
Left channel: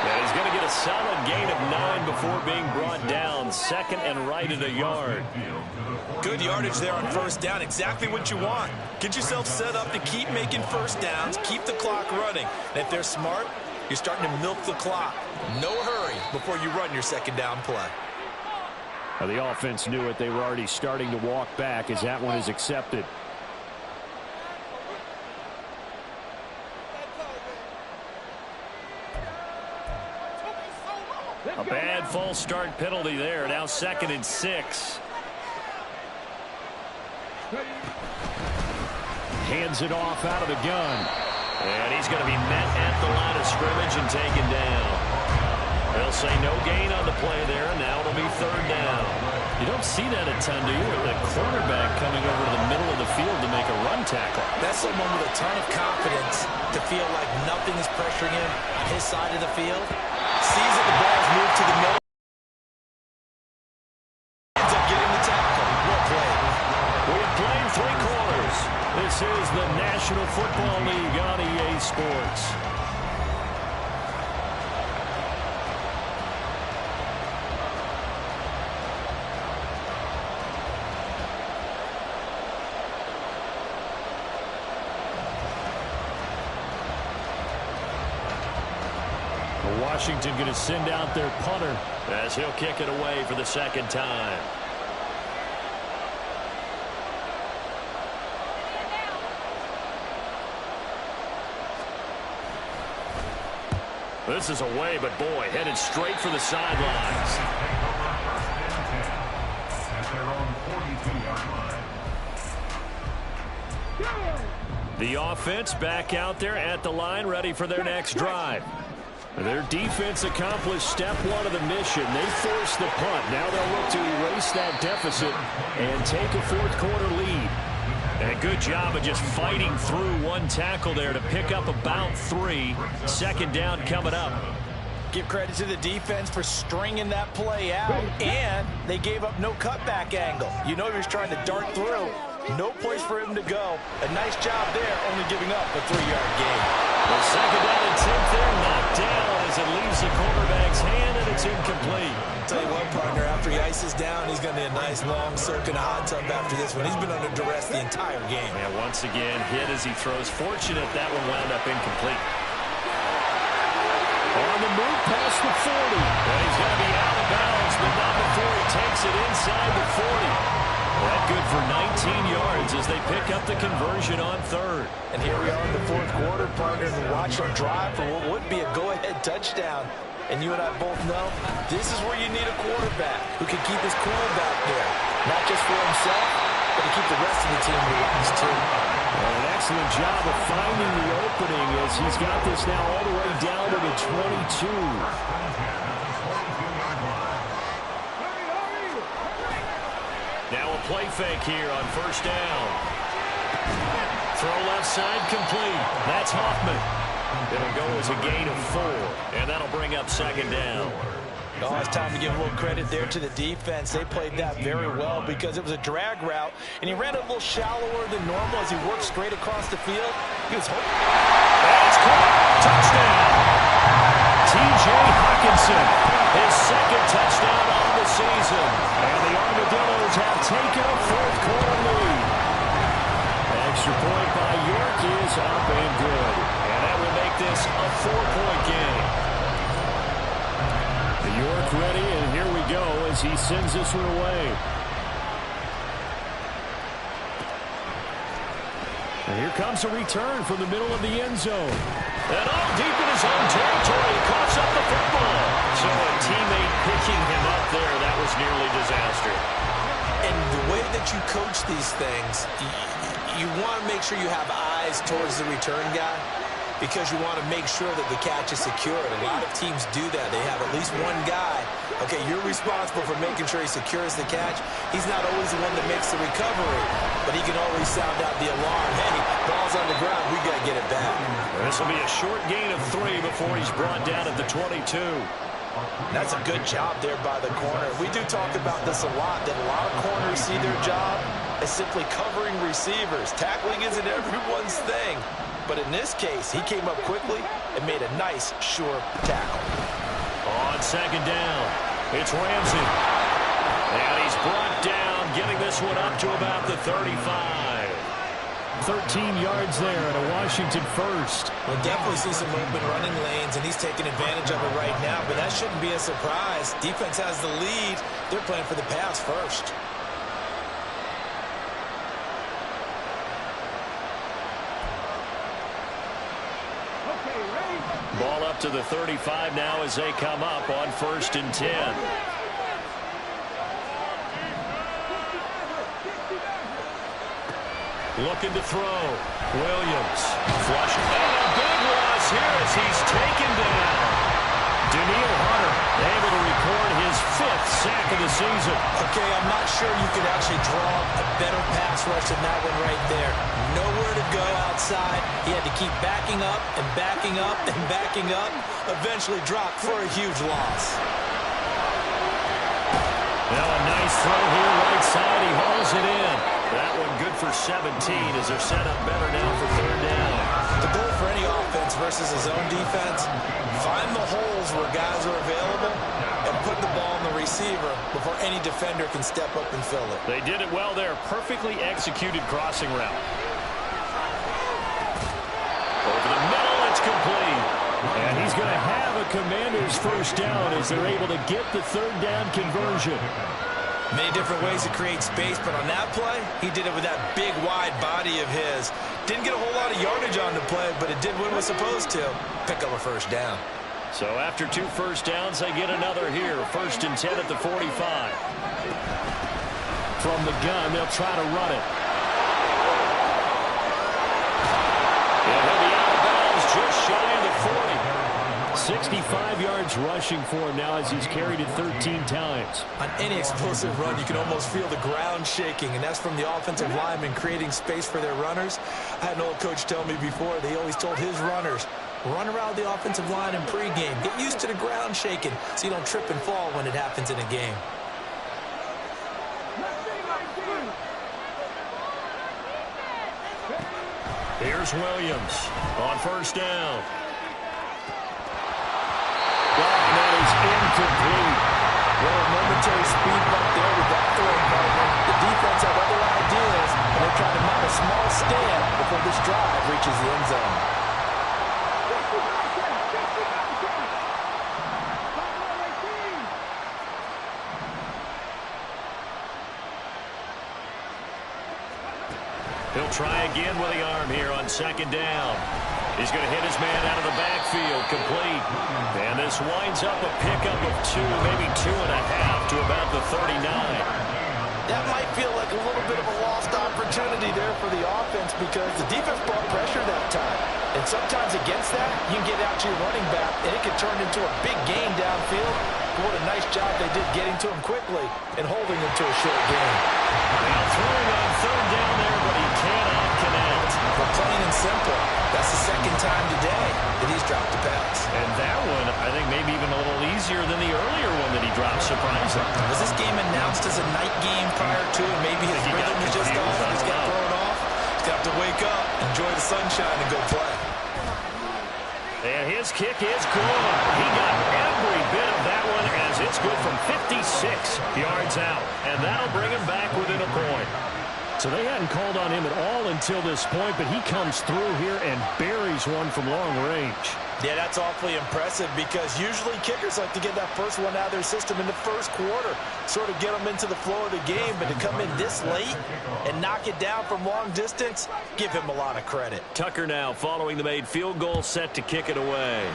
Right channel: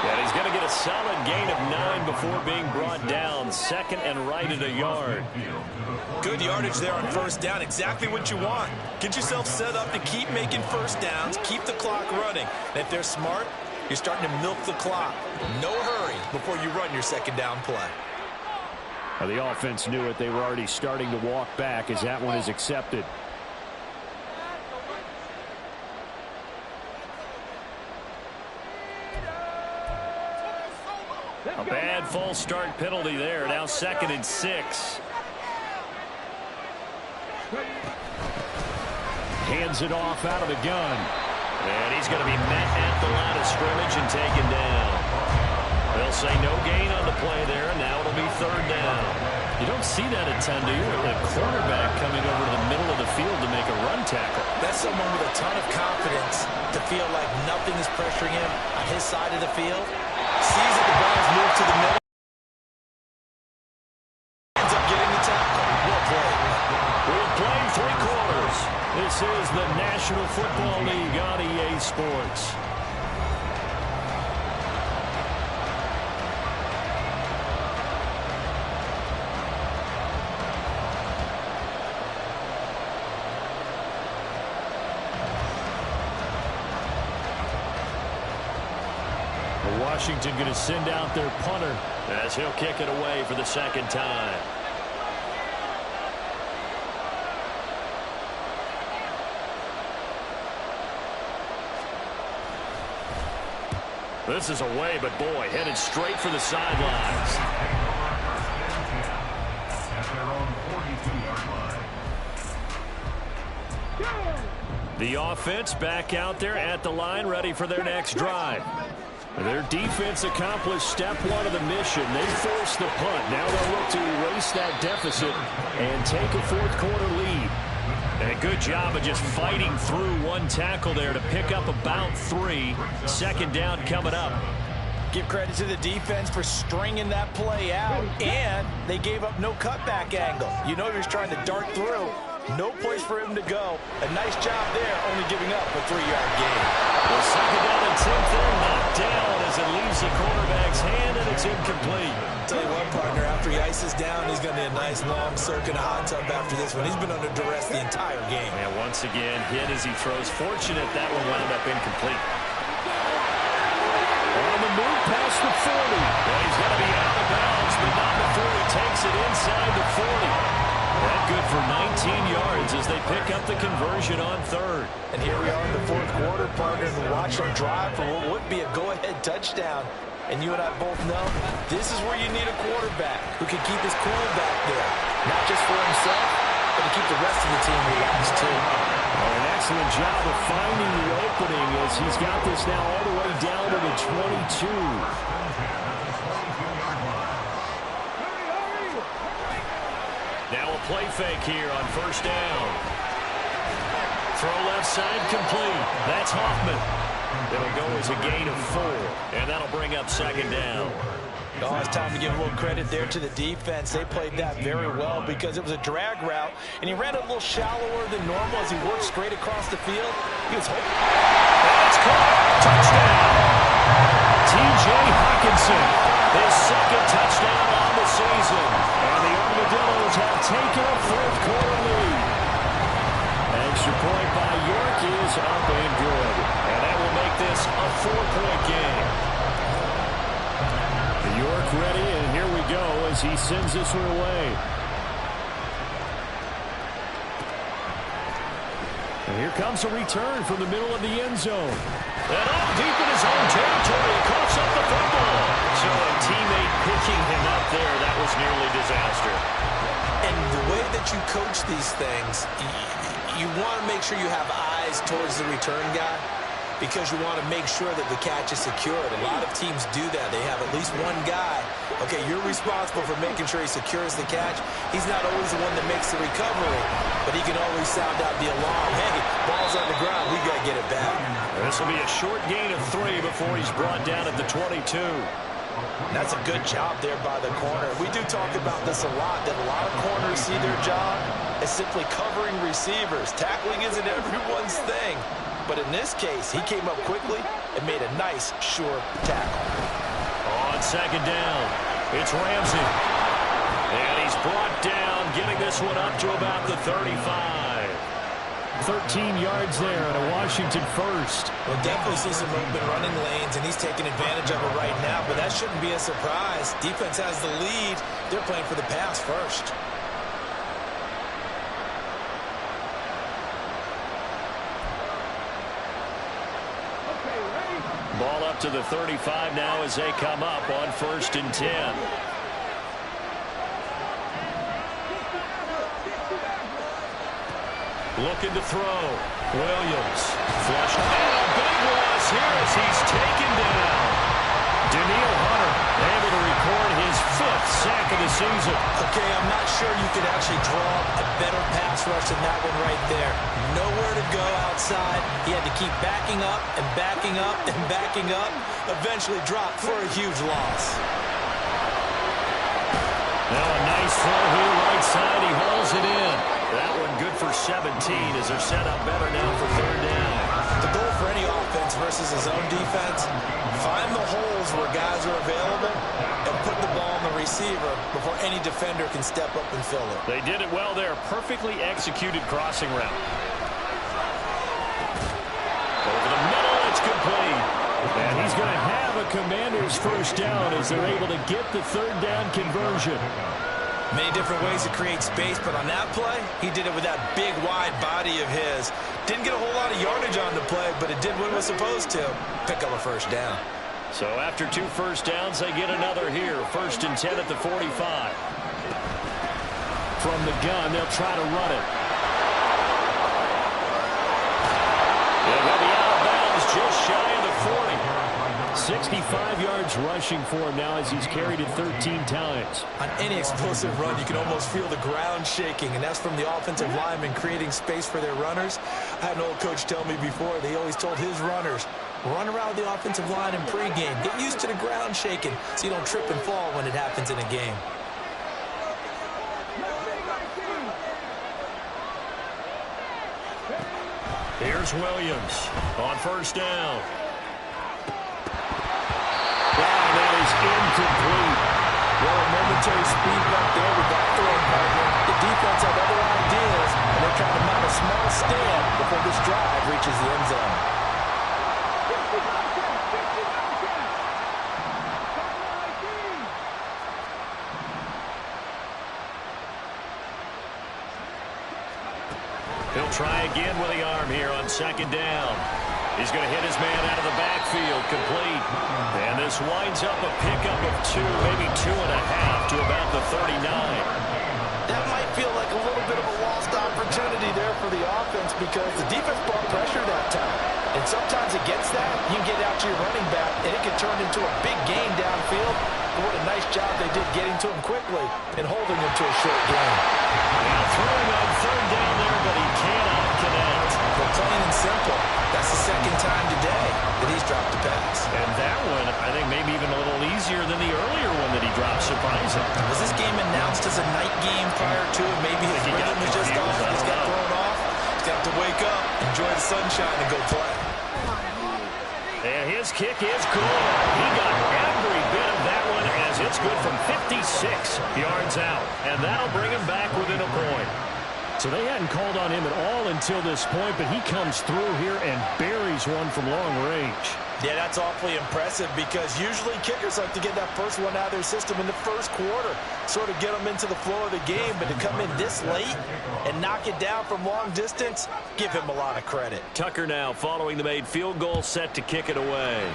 And he's going to get a solid gain of 9 before being brought down. 2nd and right at a yard. Good yardage there on first down. Exactly what you want. Get yourself set up to keep making first downs. Keep the clock running. And if they're smart, you're starting to milk the clock. No hurry before you run your 2nd down play. Well, the offense knew it. They were already starting to walk back as that one is accepted. A bad false start penalty there. Now 2nd and 6. Hands it off out of the gun. And he's going to be met at the line of scrimmage and taken down. They'll say no gain on the play there, and now it'll be third down. You don't see that a ton, do you? A cornerback coming over to the middle of the field to make a run tackle. That's someone with a ton of confidence to feel like nothing is pressuring him on his side of the field. Sees that the ball's moved to the middle. Ends up getting the tackle. Well played. We've played 3 quarters. This is the National Football League on EA Sports. Washington going to send out their punter as he'll kick it away for the second time. This is away, but boy, headed straight for the sidelines. At their own 42-yard line. The offense back out there at the line, ready for their next drive. Their defense accomplished step 1 of the mission. They forced the punt. Now they'll look to erase that deficit and take a fourth-quarter lead. And a good job of just fighting through one tackle there to pick up about 3. Second down coming up. Give credit to the defense for stringing that play out, and they gave up no cutback angle. You know he was trying to dart through. No place for him to go. A nice job there, only giving up a 3-yard gain. The second down attempt there knocked down as it leaves the quarterback's hand, and it's incomplete. Tell you what, partner, after he ices down, he's going to need a nice long circuit hot tub after this one. He's been under duress the entire game. And once again, hit as he throws. Fortunate that one wound up incomplete. On the move past the 40. And he's going to be out of bounds, but not before he takes it inside the 40. That good for 19 yards as they pick up the conversion on third. And here we are in the fourth quarter, partner, and watch them drive for what would be a go-ahead touchdown. And you and I both know this is where you need a quarterback who can keep his cool back there. Not just for himself, but to keep the rest of the team relaxed, too. Well, an excellent job of finding the opening as he's got this now all the way down to the 22. Now a play fake here on first down. Throw left side complete. That's Hoffman. It'll go as a gain of 4, and that'll bring up second down. Oh, it's time to give a little credit there to the defense. They played that very well because it was a drag route, and he ran it a little shallower than normal as he worked straight across the field. He was hoping. And it's caught. Touchdown. T.J. Hockenson, his second touchdown on the season. And the Armadillos have taken a fourth-quarter lead. Extra point by York is up and good. And that will make this a 4-point game. York ready, and here we go as he sends this one away. And here comes a return from the middle of the end zone. And all deep in his own territory, he coughs up the football. So a teammate picking him up there, that was nearly disaster. And the way that you coach these things, you want to make sure you have eyes towards the return guy, because you want to make sure that the catch is secured. A lot of teams do that. They have at least one guy. Okay, you're responsible for making sure he secures the catch. He's not always the one that makes the recovery, but he can always sound out the alarm. Hey, ball's on the ground. We've got to get it back. This will be a short gain of 3 before he's brought down at the 22. That's a good job there by the corner. We do talk about this a lot, that a lot of corners see their job as simply covering receivers. Tackling isn't everyone's thing. But in this case, he came up quickly and made a nice, sure tackle. On second down, it's Ramsey. And he's brought down, getting this one up to about the 35. 13 yards there and a Washington first. We'll definitely see some open running lanes, and he's taking advantage of it right now, but that shouldn't be a surprise. Defense has the lead. They're playing for the pass first. Ball up to the 35 now as they come up on 1st and 10. Looking to throw. Williams. Flush. And a big loss here as he's taken down. Danielle Hunter able to record his 5th sack of the season. Okay, I'm not sure you could actually draw a better pass rush than that one right there. Nowhere to go outside. He had to keep backing up and backing up and backing up. Eventually dropped for a huge loss. Now a nice throw here right side. He hauls it in. That one good for 17 as they're set up better now for 3rd down. The goal for any offense versus his own defense, find the holes where guys are available and put the ball on the receiver before any defender can step up and fill it. They did it well there. Perfectly executed crossing route. Over the middle, it's complete. And he's going to have a Commander's 1st down as they're able to get the 3rd down conversion. Many different ways to create space, but on that play, he did it with that big, wide body of his. Didn't get a whole lot of yardage on the play, but it did what it was supposed to. Pick up a 1st down. So after 2 first downs, they get another here. 1st and 10 at the 45. From the gun, they'll try to run it. And he'll be out of bounds just shy of the 40. 65 yards rushing for him now as he's carried it 13 times. On any explosive run, you can almost feel the ground shaking, and that's from the offensive linemen creating space for their runners. I had an old coach tell me before, they always told his runners, run around the offensive line in pregame. Get used to the ground shaking so you don't trip and fall when it happens in a game. Here's Williams on 1st down. And that is incomplete. Well, a momentary speed bump there with that throwing partner. The defense had other ideas, and they're trying to mount a small stand before this drive reaches the end zone. 55-10. He'll try again with the arm here on 2nd down. He's going to hit his man out of the backfield, complete. And this winds up a pickup of 2, maybe 2.5 to about the 39. That might feel like a little bit of a lost opportunity there for the offense because the defense brought pressure that time. And sometimes against that, you can get out to your running back, and it can turn into a big gain downfield. But what a nice job they did getting to him quickly and holding him to a short gain. Now throwing on 3rd down there, but he cannot connect. But plain and simple, that's the 2nd time today that he's dropped a pass. And that one, I think, maybe even a little easier than the earlier one that he dropped, surprising. Was this game announced as a night game prior to, and maybe his rhythm is just off, he's got thrown off? He's got to wake up, enjoy the sunshine, and go play. And his kick is good. He got every bit of that one as it's good from 56 yards out. And that'll bring him back within a point. So they hadn't called on him at all until this point, but he comes through here and buries one from long range. Yeah, that's awfully impressive because usually kickers like to get that first one out of their system in the 1st quarter, sort of get them into the flow of the game, but to come in this late and knock it down from long distance, give him a lot of credit. Tucker now following the made field goal, set to kick it away.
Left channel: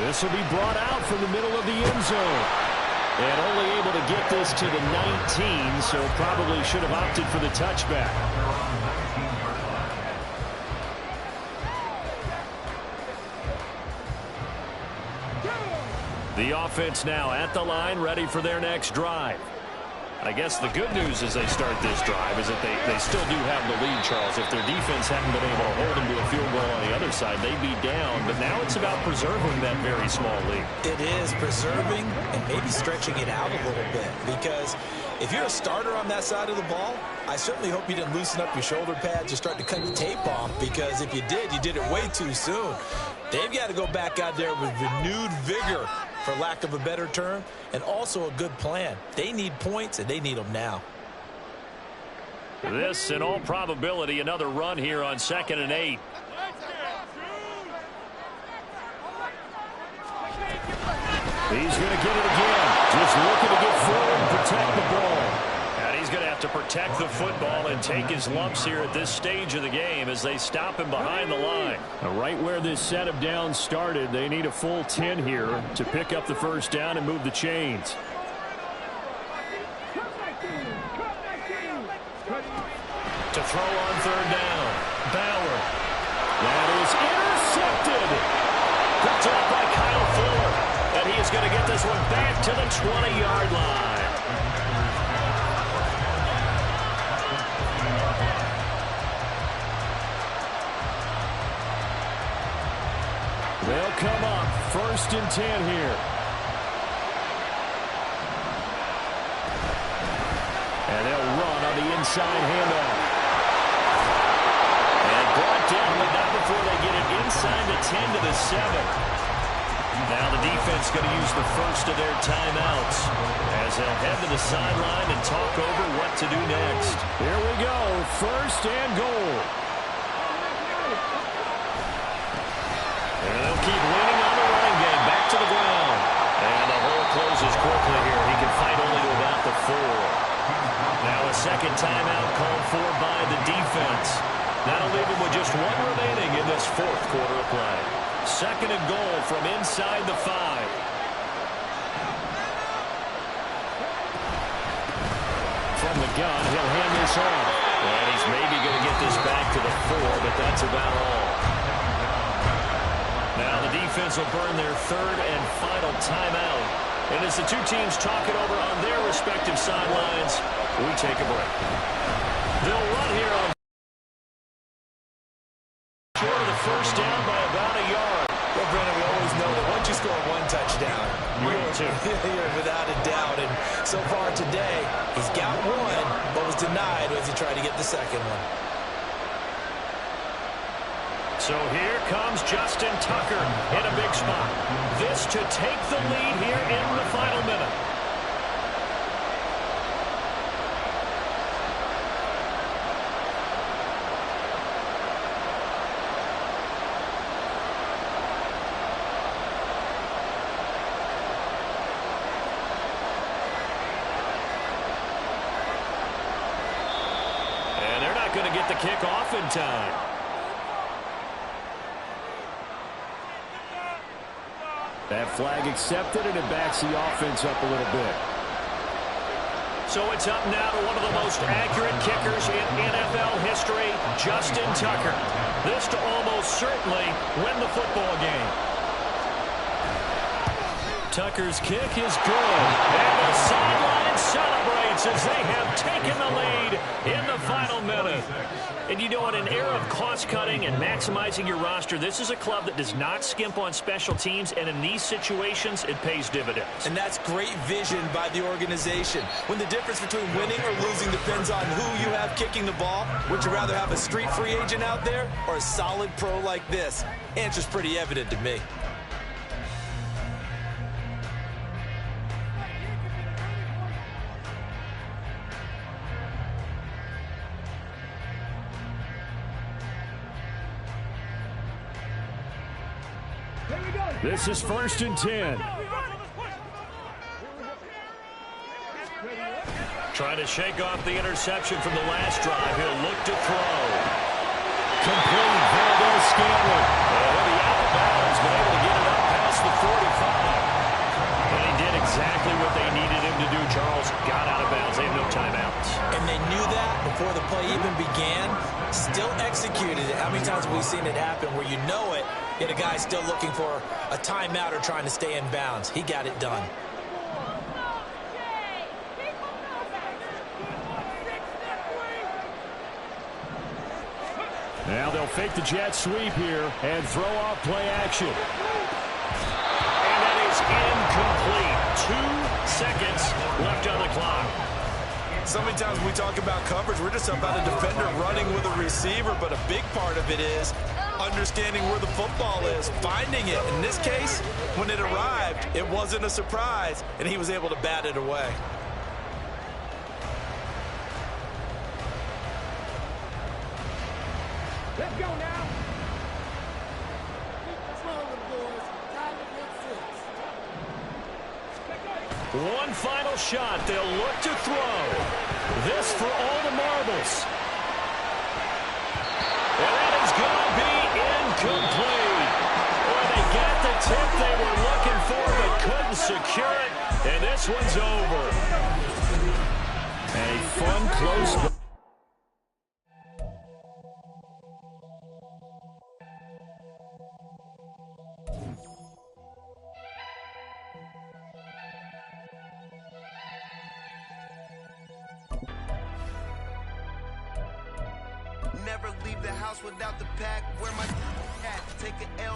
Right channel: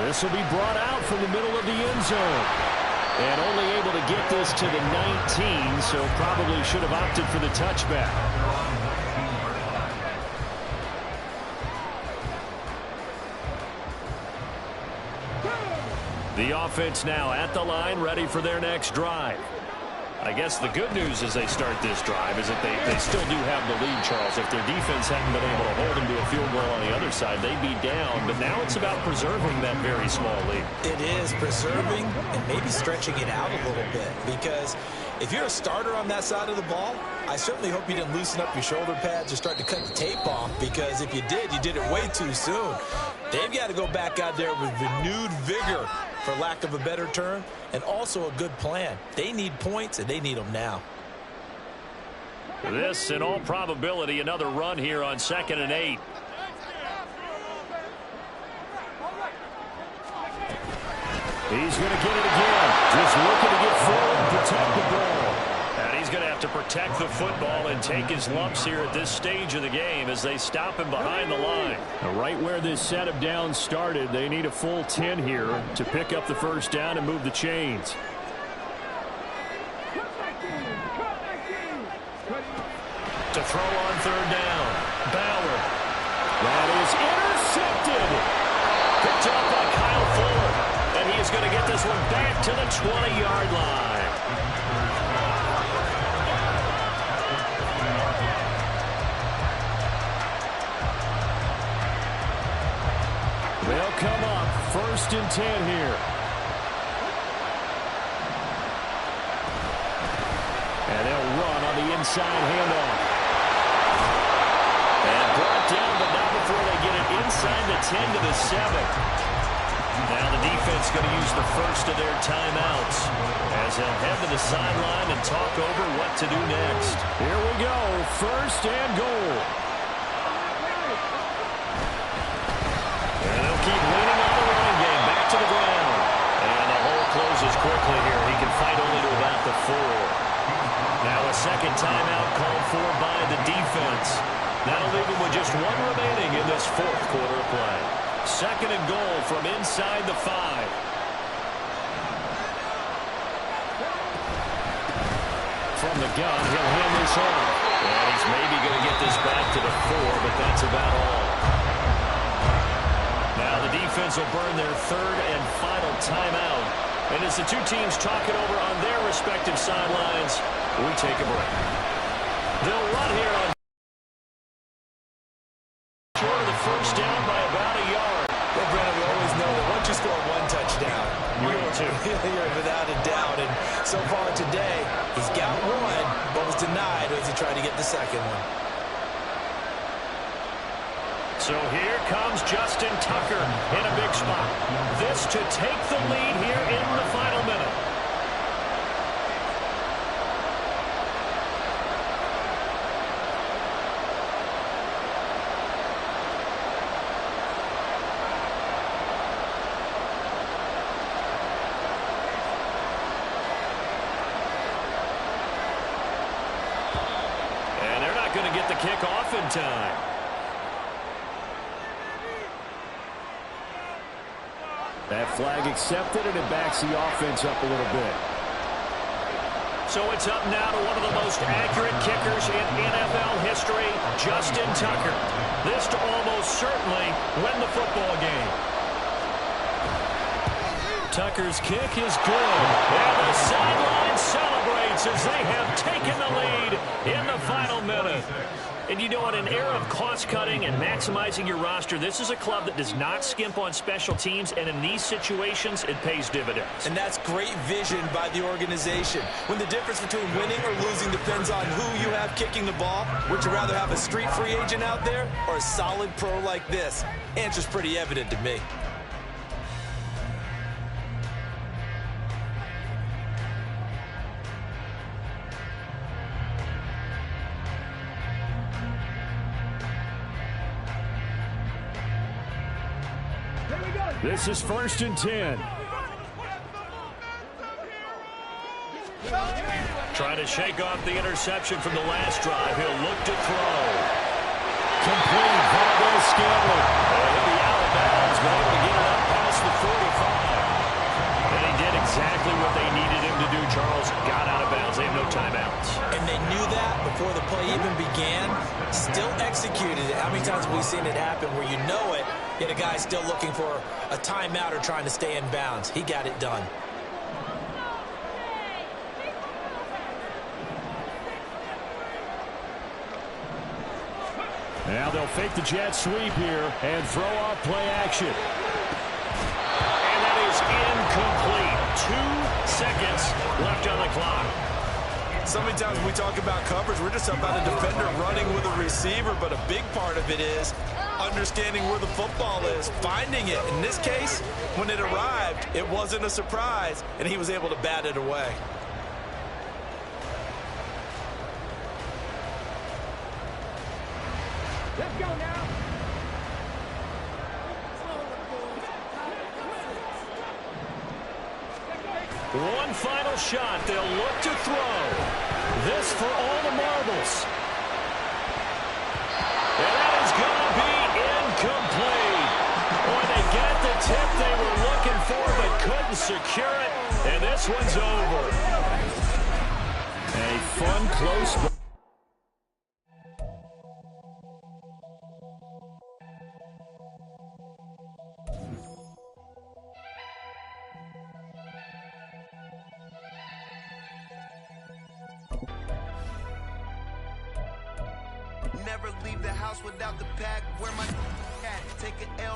This will be brought out from the middle of the end zone. And only able to get this to the 19, so probably should have opted for the touchback. The offense now at the line, ready for their next drive. I guess the good news as they start this drive is that they still do have the lead, Charles. If their defense hadn't been able to hold them to a field goal on the other side, they'd be down. But now it's about preserving that very small lead. It is preserving and maybe stretching it out a little bit. Because if you're a starter on that side of the ball, I certainly hope you didn't loosen up your shoulder pads or start to cut the tape off. Because if you did, you did it way too soon. They've got to go back out there with renewed vigor, for lack of a better term, and also a good plan. They need points, and they need them now. This, in all probability, another run here on 2nd and 8. He's going to get it again. Just looking to get forward and protect the ball. And he's going to have to protect the football and take his lumps here at this stage of the game as they stop him behind the line. Now, right where this set of downs started, they need a full 10 here to pick up the 1st down and move the chains. Cut. To throw on third down. Bauer. That is intercepted. Picked up by Kyle Fuller. And he is going to get this one back to the 20-yard line. They'll come up 1st and 10 here. And they'll run on the inside handoff. And brought down, but not before they get it inside the 10 to the 7. Now the defense going to use the first of their timeouts as they'll head to the sideline and talk over what to do next. Here we go, 1st and goal. And they'll keep leaning on the running game, back to the ground. And the hole closes quickly here. He can fight only to about the 4. Now a second timeout called for by the defense. That'll leave him with just 1 remaining in this 4th quarter of play. 2nd and goal from inside the 5. From the gun, he'll hand this off. And he's maybe going to get this back to the 4, but that's about all. Now the defense will burn their 3rd and final timeout. And as the two teams talk it over on their respective sidelines, we take a break. They'll run here on short of the first down by about a yard. Well, Brandon, we always know that once you score 1 touchdown, you're without a doubt. And so far today, he's got 1, but was denied as he tried to get the 2nd one. So here comes Justin Tucker in a big spot. This to take the lead here in the final minute. And they're not going to get the kick off in time. That flag accepted, and it backs the offense up a little bit. So it's up now to one of the most accurate kickers in NFL history, Justin Tucker. This to almost certainly win the football game. Tucker's kick is good. And the sideline celebrates as they have taken the lead in the final minute. And you know, in an era of cost-cutting and maximizing your roster, this is a club that does not skimp on special teams, and in these situations, it pays dividends. And that's great vision by the organization. When the difference between winning or losing depends on who you have kicking the ball, would you rather have a street free agent out there or a solid pro like this? Answer's pretty evident to me. This is 1st and 10. Trying to shake off the interception from the last drive. He'll look to throw. Complete. Valdez-Scantling. He'll be out of bounds, but able to get it up past the 45. And he did exactly what they needed him to do, Charles. Got out of bounds. They have no timeouts. And they knew that before the play even began. Still executed it. How many times have we seen it happen where you know it, yet a guy's still looking for a timeout or trying to stay in bounds? He got it done. Now they'll fake the jet sweep here and throw off play action. And that is incomplete. 2 seconds left on the clock. So many times when we talk about coverage, we're just about a defender running with a receiver, but a big part of it is understanding where the football is, finding it. In this case, when it arrived, it wasn't a surprise, and he was able to bat it away. Let's go now. One final shot. They'll look to throw. This for all the marbles. And that is going to be incomplete. Boy, they got the tip they were looking for but couldn't secure it. And this one's over. A fun, close Never leave the house without the pack. Where my at? Take an L.